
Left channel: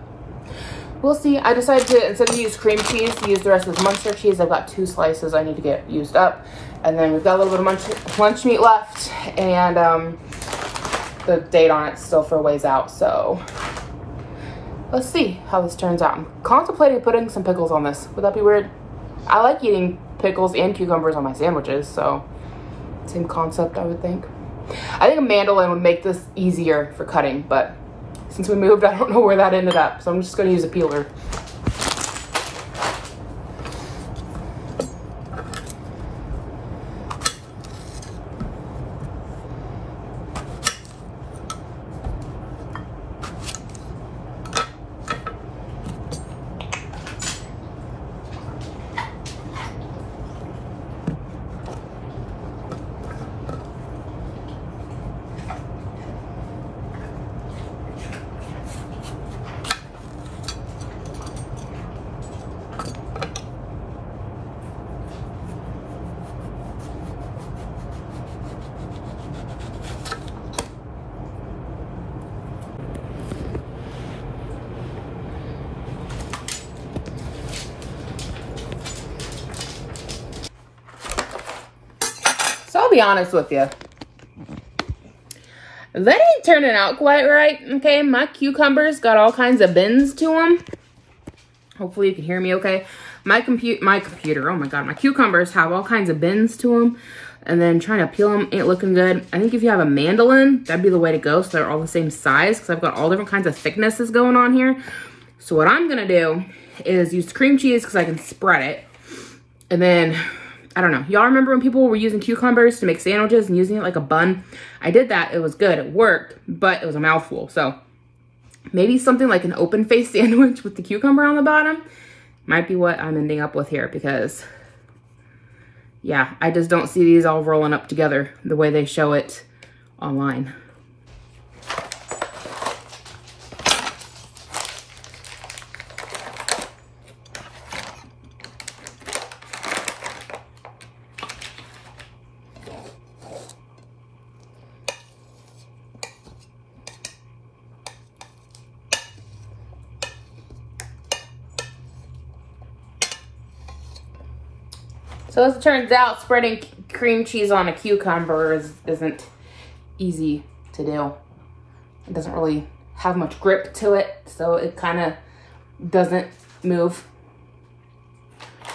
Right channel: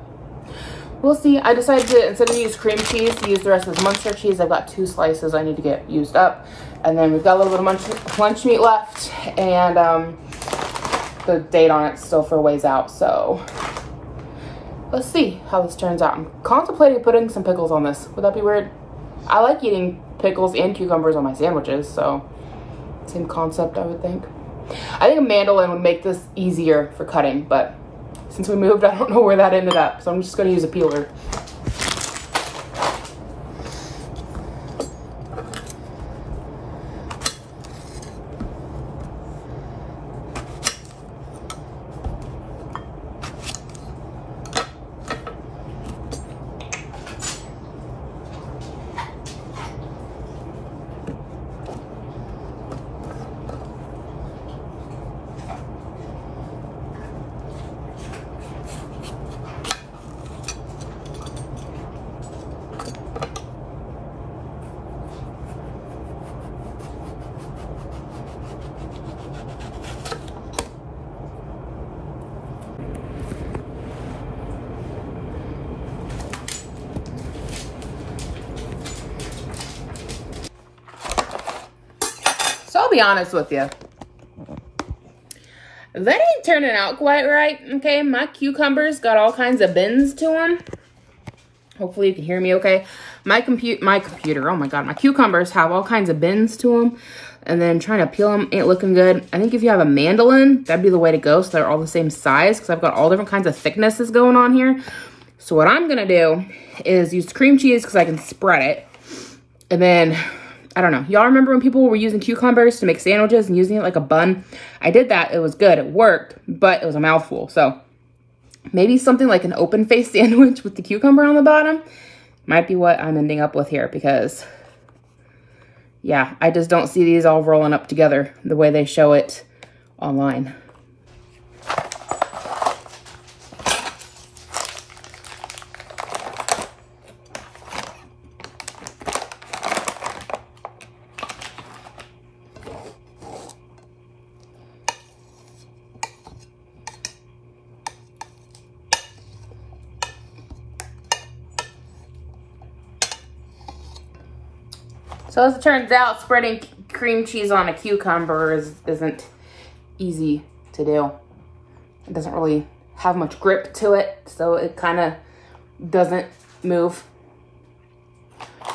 we'll see. I decided to, instead of use cream cheese, to use the rest of this Munster cheese. I've got 2 slices I need to get used up. And then we've got a little bit of lunch meat left, and the date on it's still for a ways out, so let's see how this turns out. I'm contemplating putting some pickles on this. Would that be weird? I like eating pickles and cucumbers on my sandwiches, so same concept, I would think. I think a mandolin would make this easier for cutting, but since we moved, I don't know where that ended up, so I'm just gonna use a peeler. So I'll be honest with you. That ain't turning out quite right, okay? My cucumbers got all kinds of bends to them. Hopefully you can hear me okay. My computer, oh my God, my cucumbers have all kinds of bends to them. And then trying to peel them ain't looking good. I think if you have a mandolin, that'd be the way to go, so they're all the same size, because I've got all different kinds of thicknesses going on here. So what I'm gonna do is use cream cheese because I can spread it. And then, I don't know. Y'all remember when people were using cucumbers to make sandwiches and using it like a bun? I did that. It was good. It worked, but it was a mouthful. So maybe something like an open face sandwich with the cucumber on the bottom might be what I'm ending up with here, because yeah, I just don't see these all rolling up together the way they show it online. So as it turns out, spreading cream cheese on a cucumber isn't easy to do. It doesn't really have much grip to it, so it kind of doesn't move.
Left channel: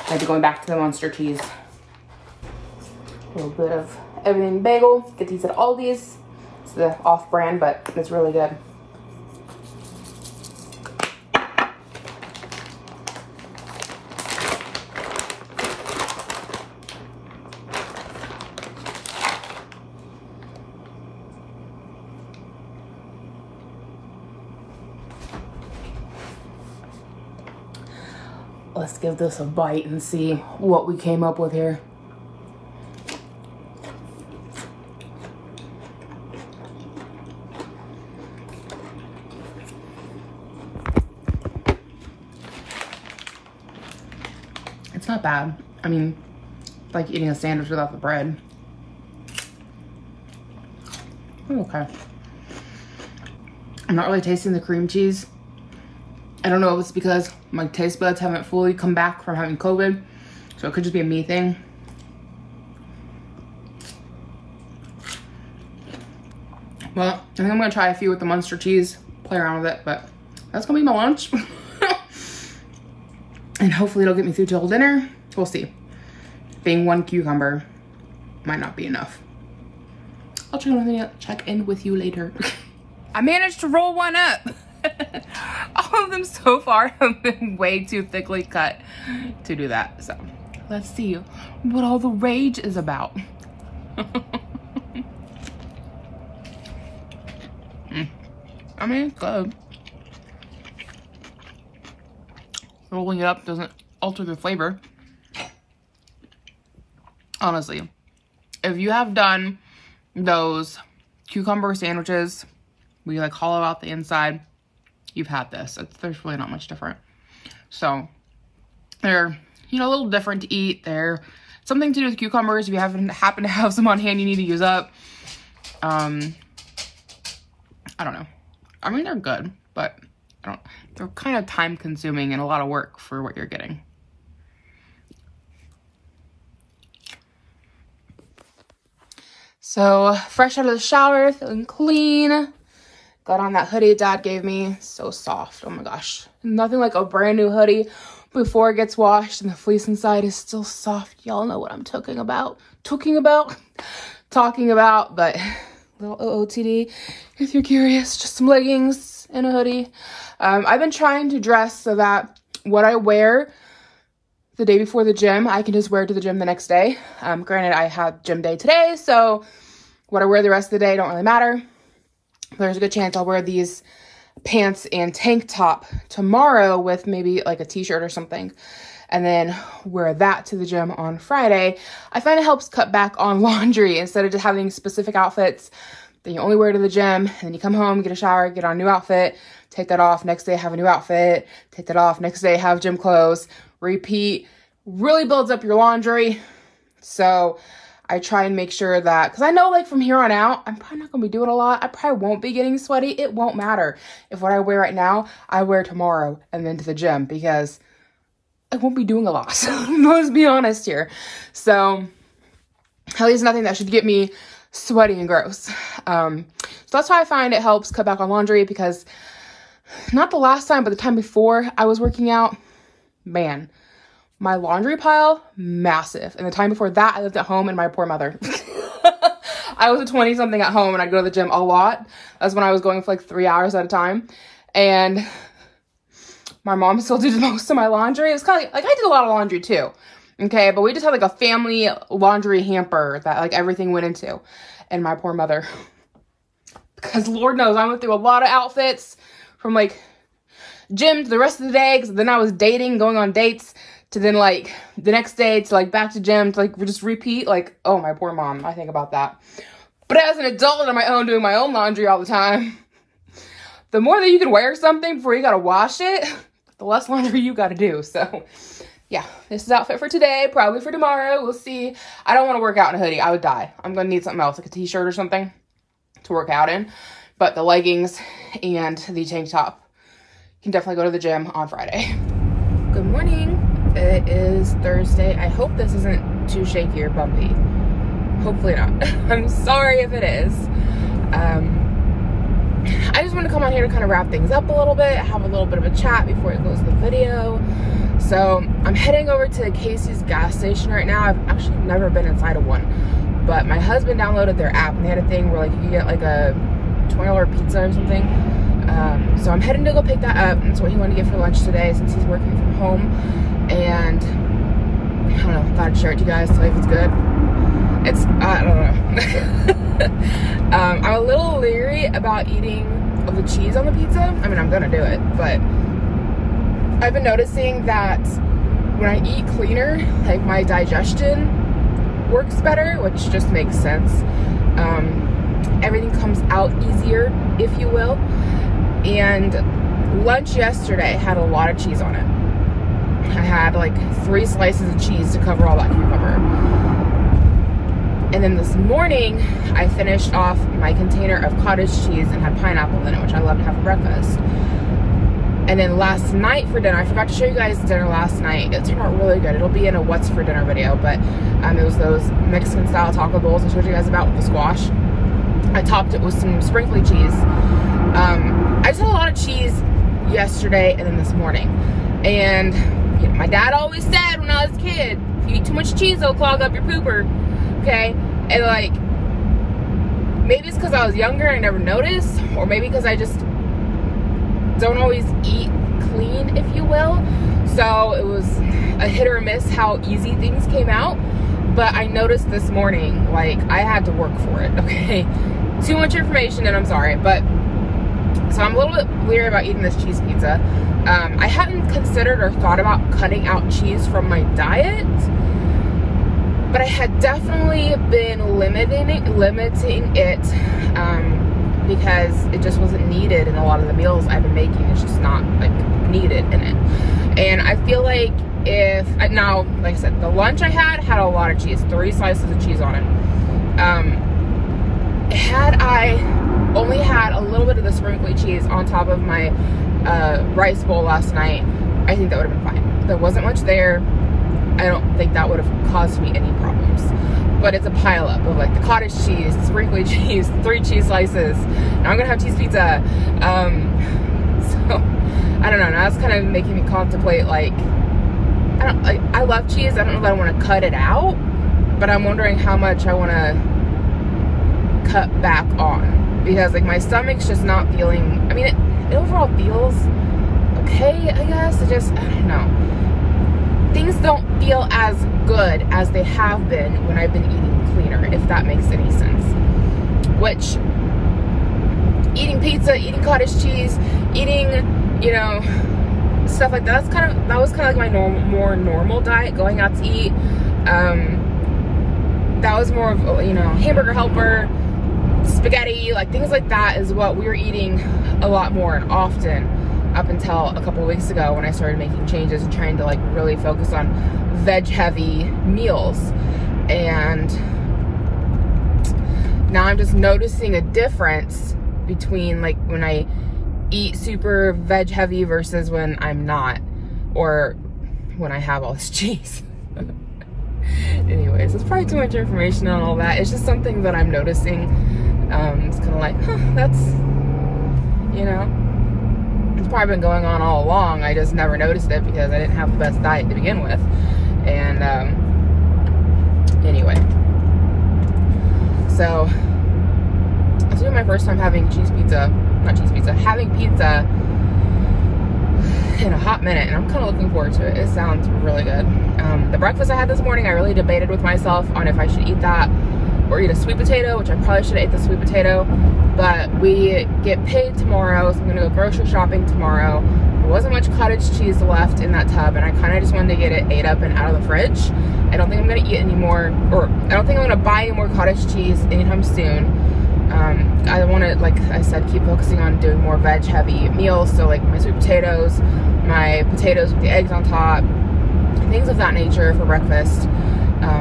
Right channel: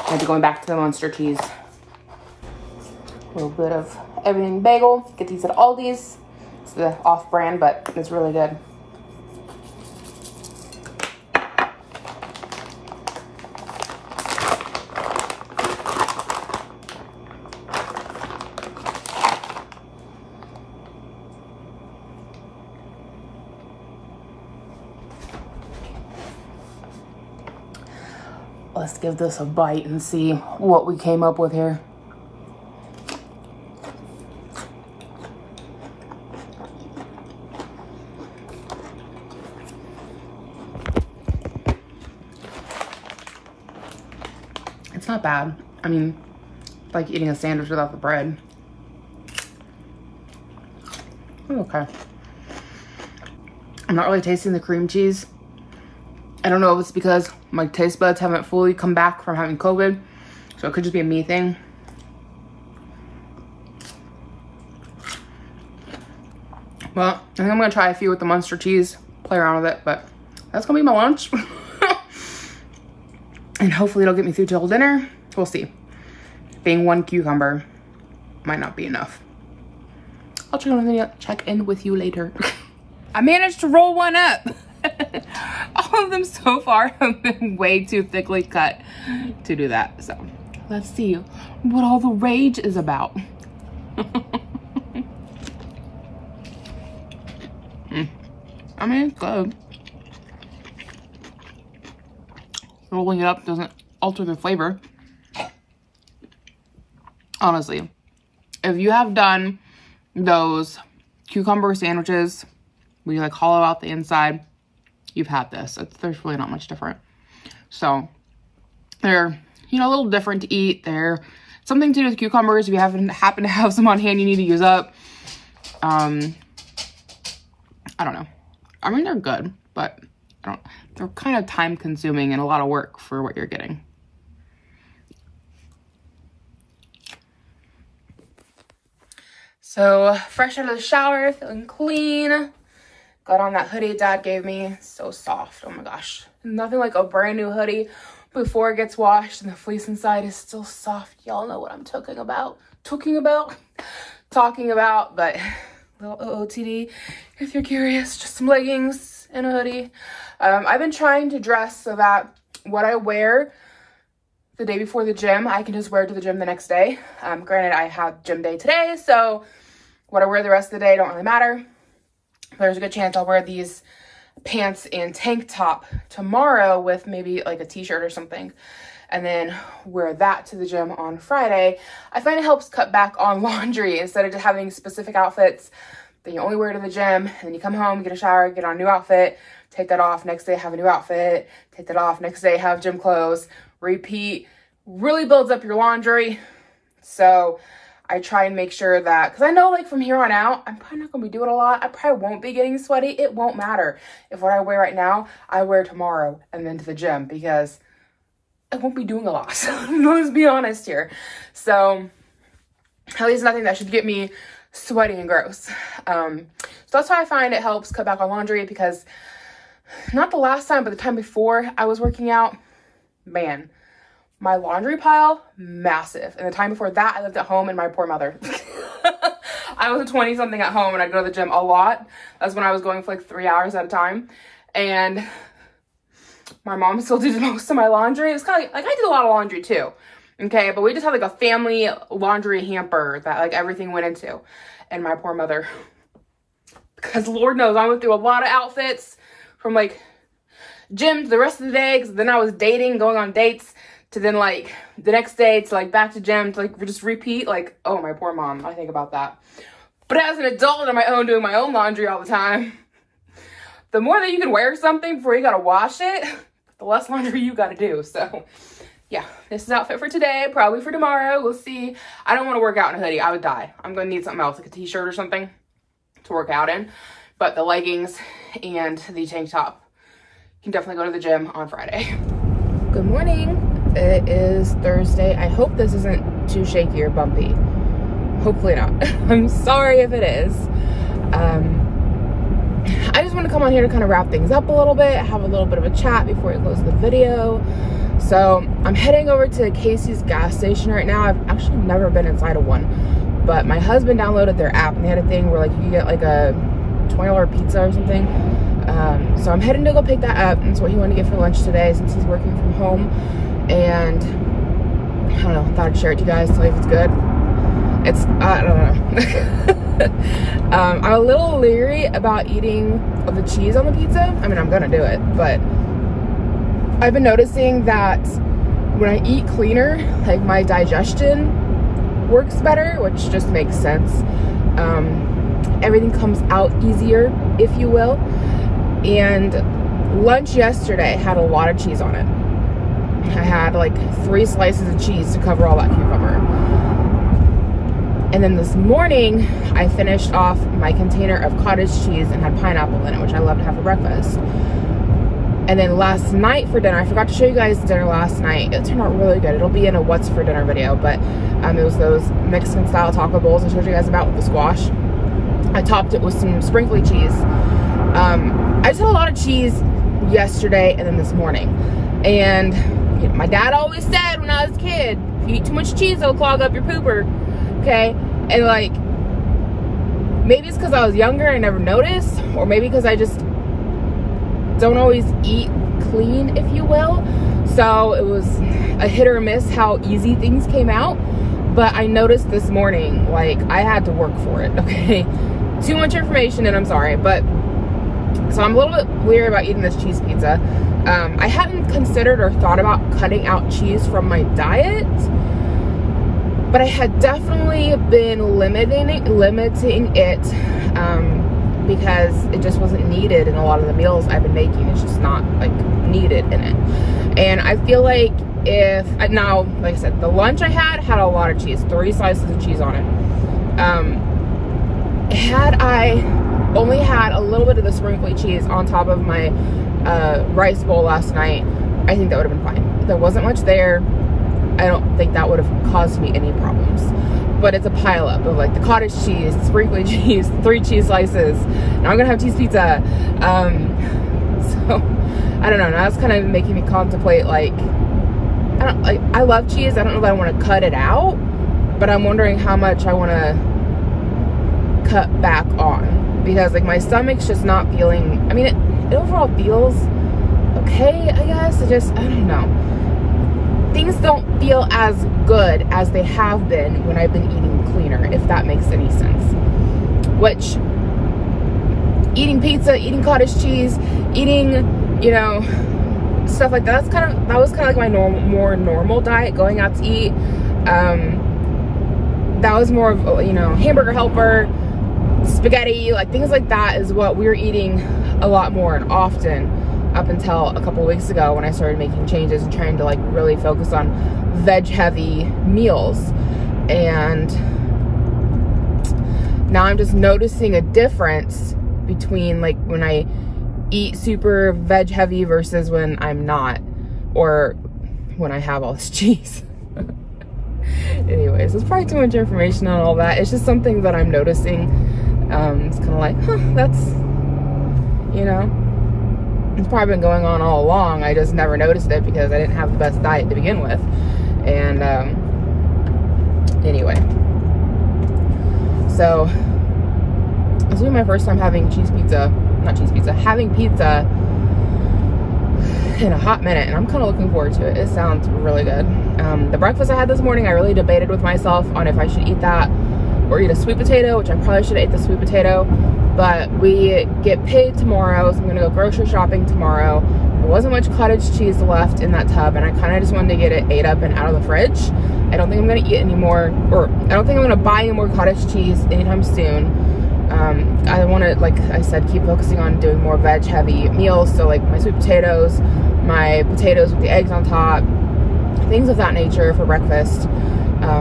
I'll be going back to the Munster cheese. A little bit of everything bagel. Get these at Aldi's. It's the off-brand, but it's really good. Let's give this a bite and see what we came up with here. It's not bad. I mean, it's like eating a sandwich without the bread. Okay. I'm not really tasting the cream cheese. I don't know if it's because my taste buds haven't fully come back from having COVID, so it could just be a me thing. Well, I think I'm gonna try a few with the Munster cheese, play around with it, but that's gonna be my lunch. And hopefully it'll get me through till dinner. We'll see. Being one cucumber might not be enough. I'll check in with you later. I managed to roll one up. All of them so far have been way too thickly cut to do that. So let's see what all the rage is about. I mean, it's good. Rolling it up doesn't alter the flavor. Honestly, if you have done those cucumber sandwiches where you like hollow out the inside, you've had this. There's really not much different. So they're, you know, a little different to eat. They're something to do with cucumbers. If you happen to have some on hand you need to use up. I don't know. I mean, they're good, but they're kind of time consuming and a lot of work for what you're getting. So fresh out of the shower, feeling clean. Got on that hoodie Dad gave me. So soft. Oh my gosh. Nothing like a brand new hoodie before it gets washed and the fleece inside is still soft. Y'all know what I'm talking about. But little OOTD, if you're curious, just some leggings and a hoodie. I've been trying to dress so that what I wear the day before the gym, I can just wear to the gym the next day. Granted, I had gym day today, so what I wear the rest of the day don't really matter. There's a good chance I'll wear these pants and tank top tomorrow with maybe like a t-shirt or something, and then wear that to the gym on Friday. I find it helps cut back on laundry instead of just having specific outfits that you only wear to the gym, and then you come home, get a shower, get on a new outfit, take that off, next day have a new outfit, take that off, next day have gym clothes, repeat. Really builds up your laundry. So I try and make sure that, because I know like from here on out, I'm probably not going to be doing a lot. I probably won't be getting sweaty. It won't matter if what I wear right now, I wear tomorrow and then to the gym, because I won't be doing a lot. So let's be honest here. So at least nothing that should get me sweaty and gross. So So that's why I find it helps cut back on laundry, because not the last time, but the time before I was working out, man, my laundry pile, massive. And the time before that, I lived at home, and my poor mother. I was a 20-something at home, and I'd go to the gym a lot. That's when I was going for like 3 hours at a time. And my mom still did most of my laundry. It's kind of like I did a lot of laundry too. Okay, but we just had like a family laundry hamper that like everything went into. And my poor mother, because Lord knows I went through a lot of outfits from like gym to the rest of the day, because then I was dating, going on dates, to then like the next day to like back to gym to like just repeat. Like, oh, my poor mom, I think about that. But as an adult on my own, doing my own laundry all the time, the more that you can wear something before you gotta wash it, the less laundry you gotta do. So yeah, this is outfit for today, probably for tomorrow, we'll see. I don't want to work out in a hoodie, I would die. I'm gonna need something else, like a t-shirt or something to work out in. But the leggings and the tank top can definitely go to the gym on Friday. Good morning, it is Thursday. I hope this isn't too shaky or bumpy. Hopefully not. I'm sorry if it is. I just want to come on here to kind of wrap things up a little bit, have a little bit of a chat before I close the video. So I'm heading over to Casey's gas station right now. I've actually never been inside of one, but my husband downloaded their app, and they had a thing where like you get like a $20 pizza or something. So I'm heading to go pick that up. That's what he wanted to get for lunch today, since he's working from home. And I don't know, thought I'd share it to you guys, tell you if it's good. It's, I don't know. I'm a little leery about eating of the cheese on the pizza. I mean, I'm gonna do it, but I've been noticing that when I eat cleaner, like my digestion works better, which just makes sense. Everything comes out easier, if you will. And lunch yesterday had a lot of cheese on it. I had like 3 slices of cheese to cover all that cucumber. And then this morning, I finished off my container of cottage cheese and had pineapple in it, which I love to have for breakfast. And then last night for dinner, I forgot to show you guys dinner last night. It turned out really good. It'll be in a what's for dinner video, but it was those Mexican style taco bowls I showed you guys about with the squash. I topped it with some sprinkly cheese. I just had a lot of cheese yesterday and then this morning. And my dad always said when I was a kid, if you eat too much cheese, it'll clog up your pooper. Okay, and like, maybe it's because I was younger and I never noticed, or maybe because I just don't always eat clean, if you will. So it was a hit or miss how easy things came out. But I noticed this morning, like, I had to work for it, okay? Too much information, and I'm sorry, but so I'm a little bit weary about eating this cheese pizza. I hadn't considered or thought about cutting out cheese from my diet, but I had definitely been limiting it because it just wasn't needed in a lot of the meals I've been making. It's just not like needed in it. And I feel like if, now, like I said, the lunch I had a lot of cheese, 3 slices of cheese on it. Had I only had a little bit of the sprinkly cheese on top of my rice bowl last night, I think that would have been fine. There wasn't much there. I don't think that would have caused me any problems. But it's a pileup of like the cottage cheese, the sprinkly cheese, 3 cheese slices. Now I'm gonna have cheese pizza. So I don't know. Now it's kind of making me contemplate, like, I love cheese. I don't know if I want to cut it out, but I'm wondering how much I want to cut back on, because like my stomach's just not feeling. I mean, it overall feels okay, I guess. I don't know. Things don't feel as good as they have been when I've been eating cleaner, if that makes any sense. Which, eating pizza, eating cottage cheese, eating, you know, stuff like that, that was kind of like my more normal diet, going out to eat. That was more of, you know, Hamburger Helper, spaghetti, like things like that is what we were eating a lot more and often, up until a couple of weeks ago when I started making changes and trying to like really focus on veg heavy meals. And now I'm just noticing a difference between like when I eat super veg heavy versus when I'm not, or when I have all this cheese. Anyways, it's probably too much information on all that. It's just something that I'm noticing. It's kind of like, huh, that's, you know, it's probably been going on all along. I just never noticed it because I didn't have the best diet to begin with. And anyway, so this will be my first time having having pizza in a hot minute, and I'm kind of looking forward to it. It sounds really good. The breakfast I had this morning, I really debated with myself on if I should eat that or eat a sweet potato, which I probably should have ate the sweet potato, but we get paid tomorrow, so I'm gonna go grocery shopping tomorrow. There wasn't much cottage cheese left in that tub, and I kind of just wanted to get it ate up and out of the fridge. I don't think I'm gonna eat any more, or I don't think I'm gonna buy any more cottage cheese anytime soon. I want to, like I said, keep focusing on doing more veg heavy meals, so like my sweet potatoes, my potatoes with the eggs on top, things of that nature for breakfast.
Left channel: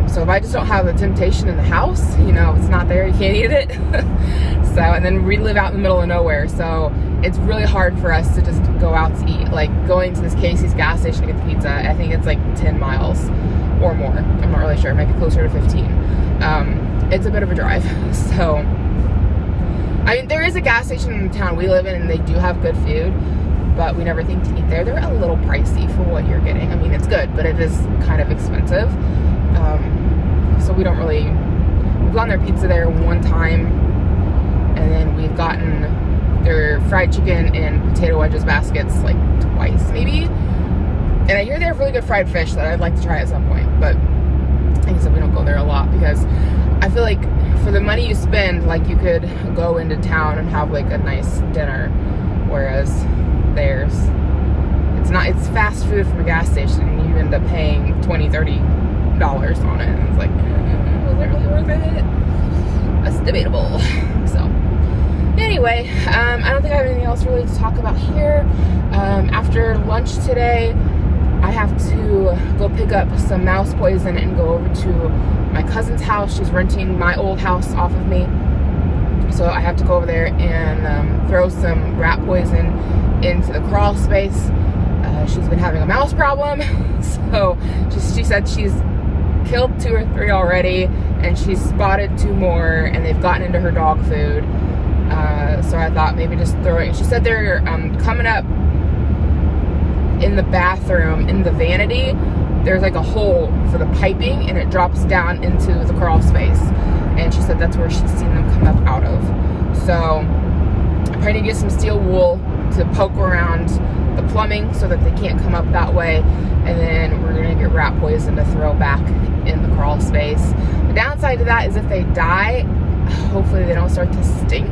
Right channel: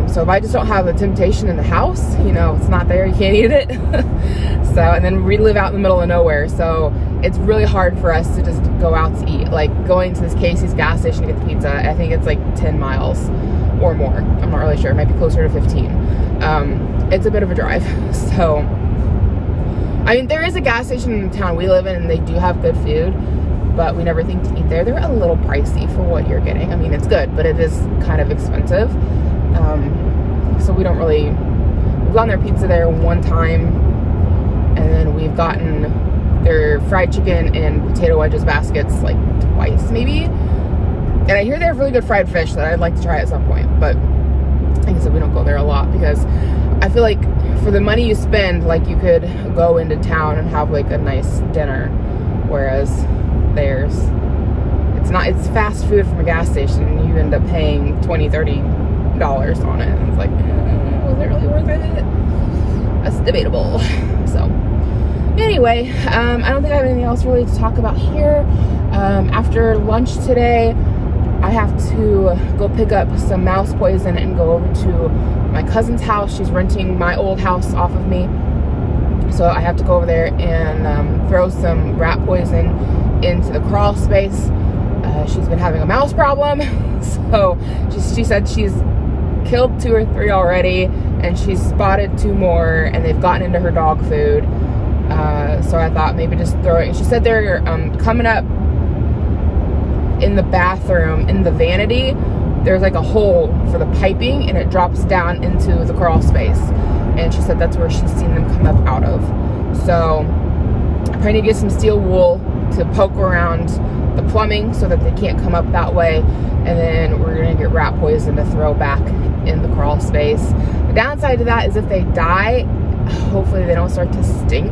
So if I just don't have the temptation in the house, you know, it's not there, you can't eat it. So, and then we live out in the middle of nowhere, so it's really hard for us to just go out to eat. Like going to this Casey's gas station to get the pizza, I think it's like 10 miles or more. I'm not really sure, it might be closer to 15. It's a bit of a drive, so I mean, there is a gas station in the town we live in, and they do have good food, but we never think to eat there. They're a little pricey for what you're getting. I mean, it's good, but it is kind of expensive. So we don't really, we've gotten their pizza there one time, and then we've gotten their fried chicken and potato wedges baskets like twice maybe. And I hear they have really good fried fish that I'd like to try at some point, but like I said, we don't go there a lot because I feel like for the money you spend, like you could go into town and have like a nice dinner, whereas it's fast food from a gas station, and you end up paying $20–30 on it, and it's like, was it really worth it? That's debatable. So anyway, I don't think I have anything else really to talk about here. After lunch today, I have to go pick up some mouse poison and go over to my cousin's house. She's renting my old house off of me, so I have to go over there and throw some rat poison into the crawl space. She's been having a mouse problem, so she said she's killed 2 or 3 already, and she's spotted 2 more, and they've gotten into her dog food. So I thought maybe just throw it. She said they're coming up in the bathroom, in the vanity. There's like a hole for the piping, and it drops down into the crawl space, and she said that's where she's seen them come up out of. So I'm trying to get some steel wool to poke around the plumbing so that they can't come up that way, and then we're gonna get rat poison to throw back in the crawl space. The downside to that is if they die, hopefully they don't start to stink,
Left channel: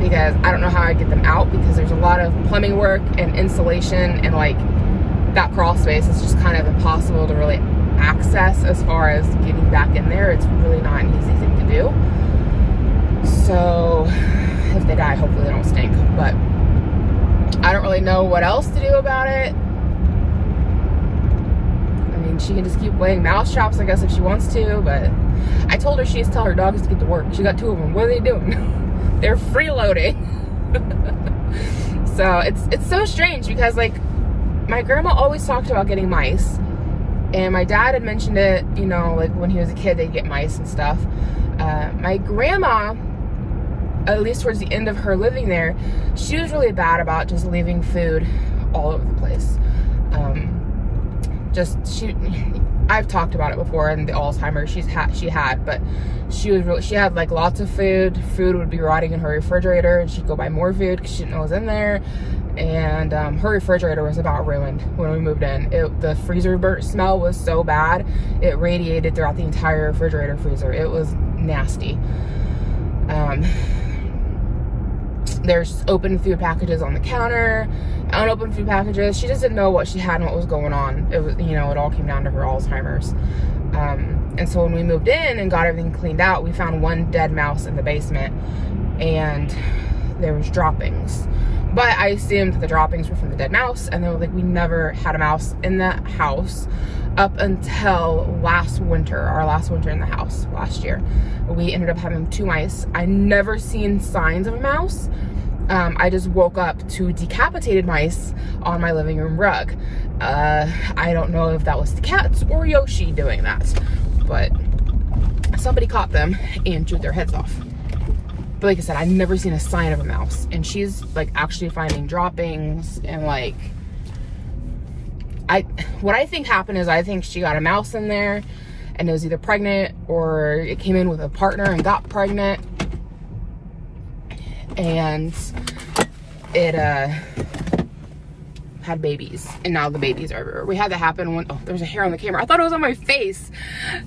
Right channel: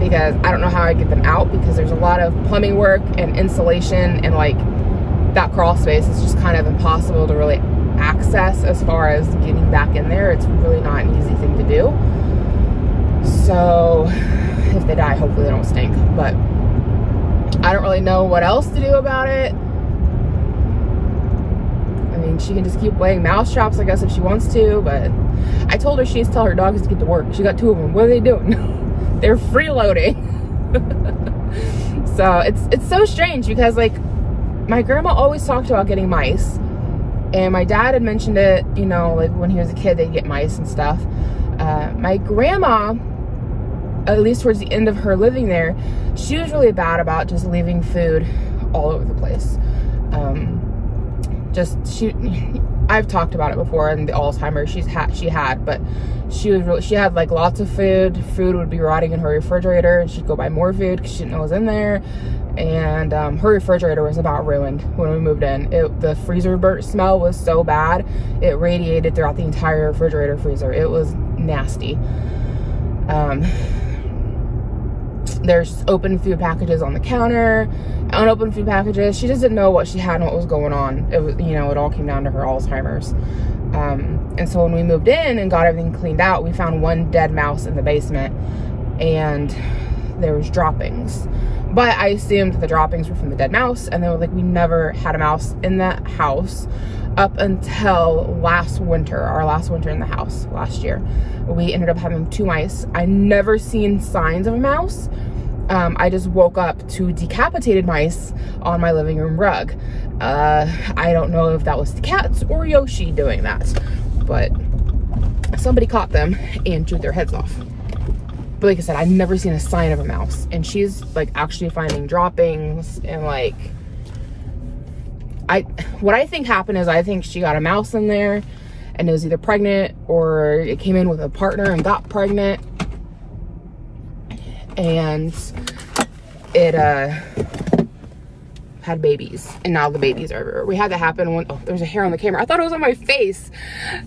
because I don't know how I'd get them out, because there's a lot of plumbing work and insulation, and like that crawl space is just kind of impossible to really access as far as getting back in there. It's really not an easy thing to do. So if they die, hopefully they don't stink, but I don't really know what else to do about it. I mean, she can just keep laying mouse traps, I guess, if she wants to, but I told her she needs to tell her dogs to get to work. She got 2 of them. What are they doing? They're freeloading. So it's so strange, because like my grandma always talked about getting mice, and my dad had mentioned it, you know, like when he was a kid they'd get mice and stuff. My grandma, at least towards the end of her living there, she was really bad about just leaving food all over the place. I've talked about it before, and the Alzheimer's she had, but she had like lots of food. Food would be rotting in her refrigerator, and she'd go buy more food because she didn't know what was in there. And her refrigerator was about ruined when we moved in. The freezer burnt smell was so bad, it radiated throughout the entire refrigerator freezer. It was nasty. There's open food packages on the counter, unopened food packages. She just didn't know what she had and what was going on. It was, you know, it all came down to her Alzheimer's. And so when we moved in and got everything cleaned out, we found 1 dead mouse in the basement, and there was droppings. But I assumed that the droppings were from the dead mouse, and they were like, we never had a mouse in that house up until last winter, our last winter in the house last year. We ended up having 2 mice. I never seen signs of a mouse. I just woke up to decapitated mice on my living room rug. I don't know if that was the cats or Yoshi doing that, but somebody caught them and chewed their heads off. But like I said, I've never seen a sign of a mouse. And she's like actually finding droppings and like, what I think happened is I think she got a mouse in there and it was either pregnant or it came in with a partner and got pregnant. And it had babies, and now the babies are everywhere. We had that happen when, oh, there's a hair on the camera. I thought it was on my face.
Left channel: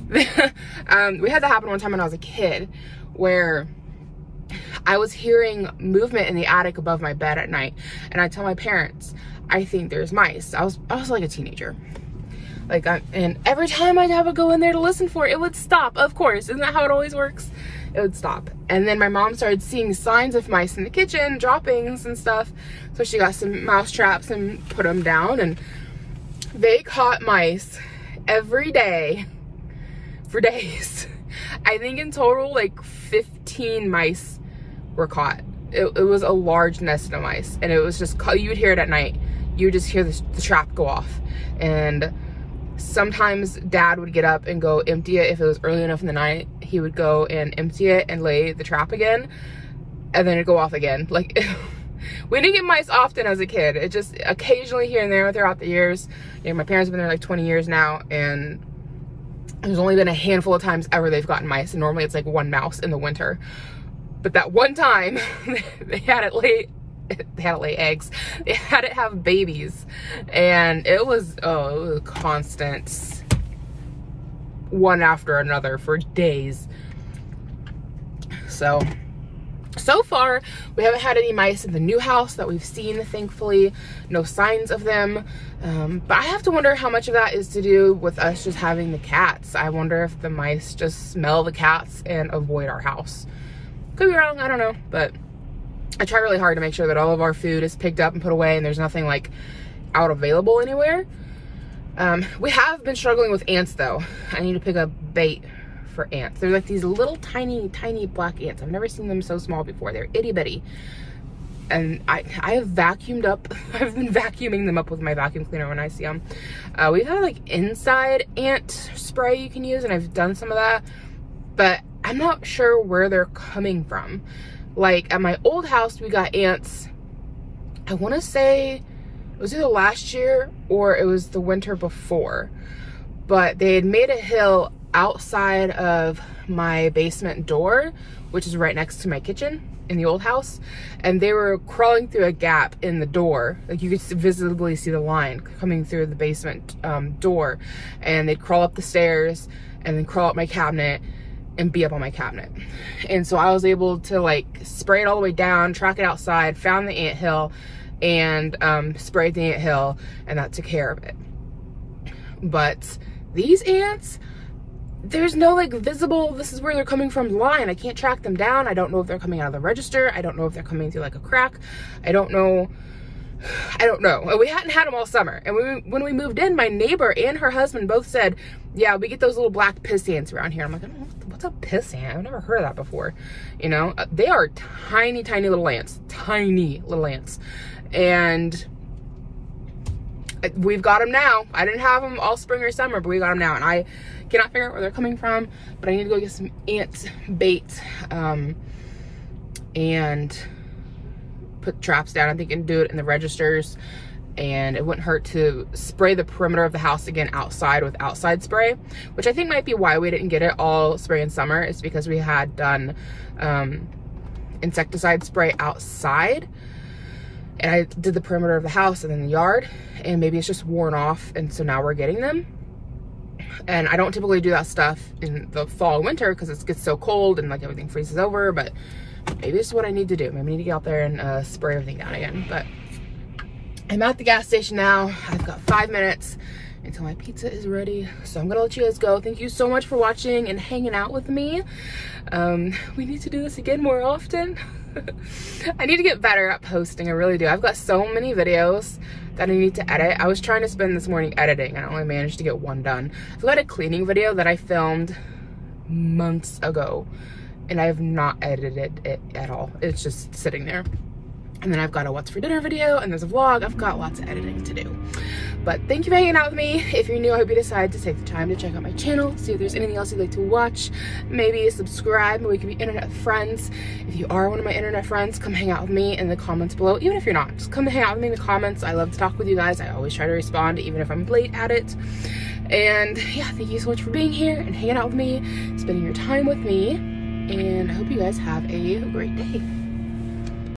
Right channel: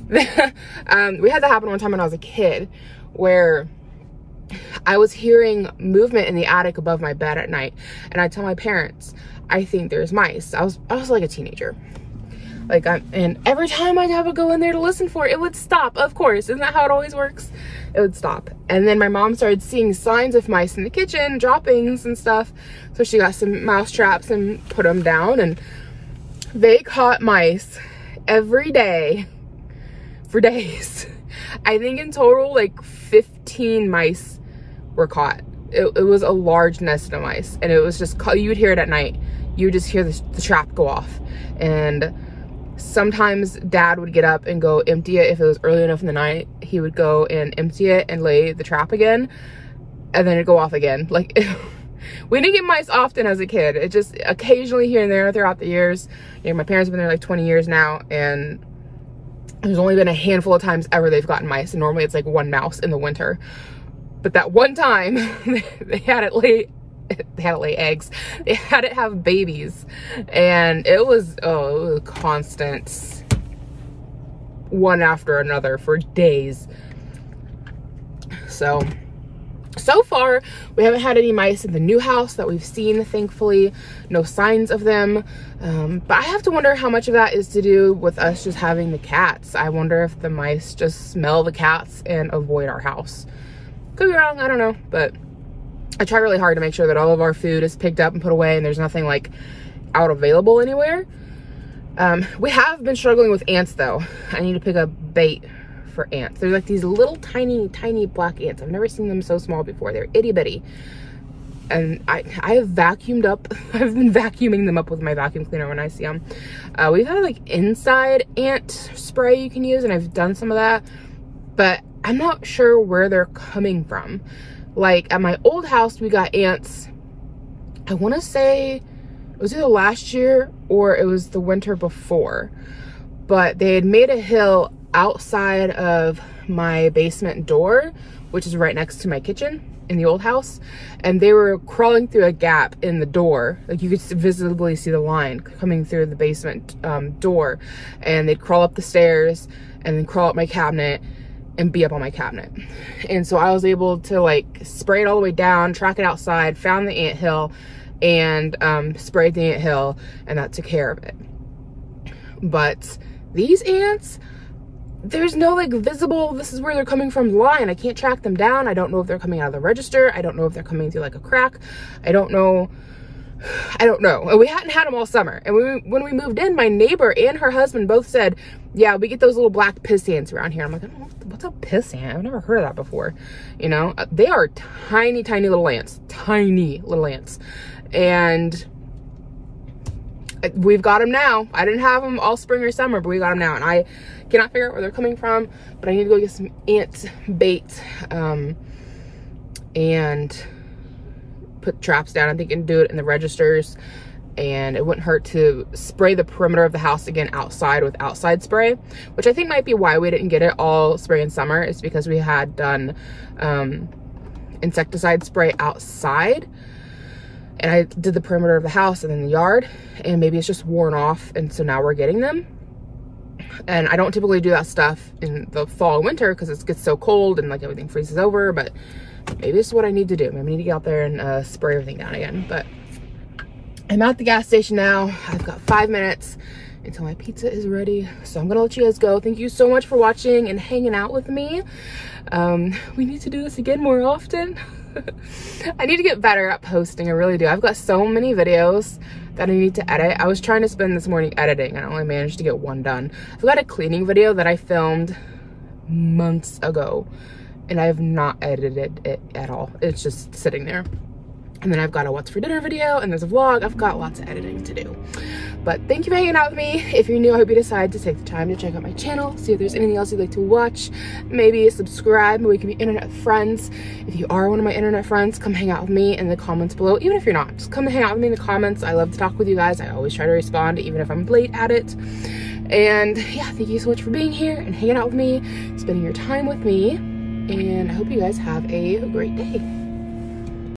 We had that happen one time when I was a kid, where I was hearing movement in the attic above my bed at night, and I tell my parents, I think there's mice. I was like a teenager. Like, and every time I'd have to go in there to listen for it, it would stop, of course. Isn't that how it always works? It would stop. And then my mom started seeing signs of mice in the kitchen, droppings and stuff. So she got some mouse traps and put them down, and they caught mice every day for days. I think in total, like 15 mice were caught. It was a large nest of mice, and it was just, you would hear it at night. You would just hear the trap go off. And sometimes Dad would get up and go empty it. If it was early enough in the night, he would go and empty it and lay the trap again, and then it'd go off again. Like, we didn't get mice often as a kid. It just occasionally here and there throughout the years. You know, my parents have been there like 20 years now, and there's only been a handful of times ever they've gotten mice, and normally it's like one mouse in the winter. But that one time, they had it lay eggs. They had it have babies, and it was a constant one after another for days. So far we haven't had any mice in the new house that we've seen, thankfully. No signs of them, but I have to wonder how much of that is to do with us just having the cats. I wonder if the mice just smell the cats and avoid our house. Could be wrong, I don't know, but I try really hard to make sure that all of our food is picked up and put away and there's nothing like out available anywhere. We have been struggling with ants though. I need to pick up bait for ants. They're like these little tiny black ants. I've never seen them so small before. They're itty bitty. And I have vacuumed up, I've been vacuuming them up with my vacuum cleaner when I see them. We've had like inside ant spray you can use, and I've done some of that, but I'm not sure where they're coming from. Like at my old house, we got ants, I want to say it was either last year or it was the winter before, but they had made a hill outside of my basement door, which is right next to my kitchen in the old house, and they were crawling through a gap in the door. Like you could visibly see the line coming through the basement door, and they'd crawl up the stairs and then crawl up my cabinet and be up on my cabinet. And so I was able to like spray it all the way down, track it outside, found the anthill, and sprayed the anthill, and that took care of it. But these ants, there's no like visible, this is where they're coming from line. I can't track them down. I don't know if they're coming out of the register. I don't know if they're coming through like a crack. I don't know. And we hadn't had them all summer. And when we moved in, my neighbor and her husband both said, yeah, we get those little black piss ants around here. I'm like, I don't know, what's a piss ant? I've never heard of that before. You know, they are tiny little ants, and we've got them now. I didn't have them all spring or summer, but we got them now, and I cannot figure out where they're coming from, but I need to go get some ant bait and put traps down. I think I can do it in the registers, and it wouldn't hurt to spray the perimeter of the house again outside with outside spray, which I think might be why we didn't get it all spray in summer. Is because we had done insecticide spray outside, and I did the perimeter of the house and then the yard, and maybe it's just worn off, and so now we're getting them. And I don't typically do that stuff in the fall and winter because it gets so cold and like everything freezes over, but maybe it's what I need to do. Maybe I need to get out there and spray everything down again. But I'm at the gas station now. I've got 5 minutes until my pizza is ready, so I'm gonna let you guys go. Thank you so much for watching and hanging out with me. We need to do this again more often. I need to get better at posting, I really do. I've got so many videos that I need to edit. I was trying to spend this morning editing, and I only managed to get one done. I've got a cleaning video that I filmed months ago, and I have not edited it at all. It's just sitting there. And then I've got a what's for dinner video, and there's a vlog. I've got lots of editing to do. But thank you for hanging out with me. If you're new, I hope you decide to take the time to check out my channel, see if there's anything else you'd like to watch. Maybe subscribe, maybe we can be internet friends. If you are one of my internet friends, come hang out with me in the comments below. Even if you're not, just come hang out with me in the comments. I love to talk with you guys. I always try to respond, even if I'm late at it. And yeah, thank you so much for being here and hanging out with me, spending your time with me. And I hope you guys have a great day.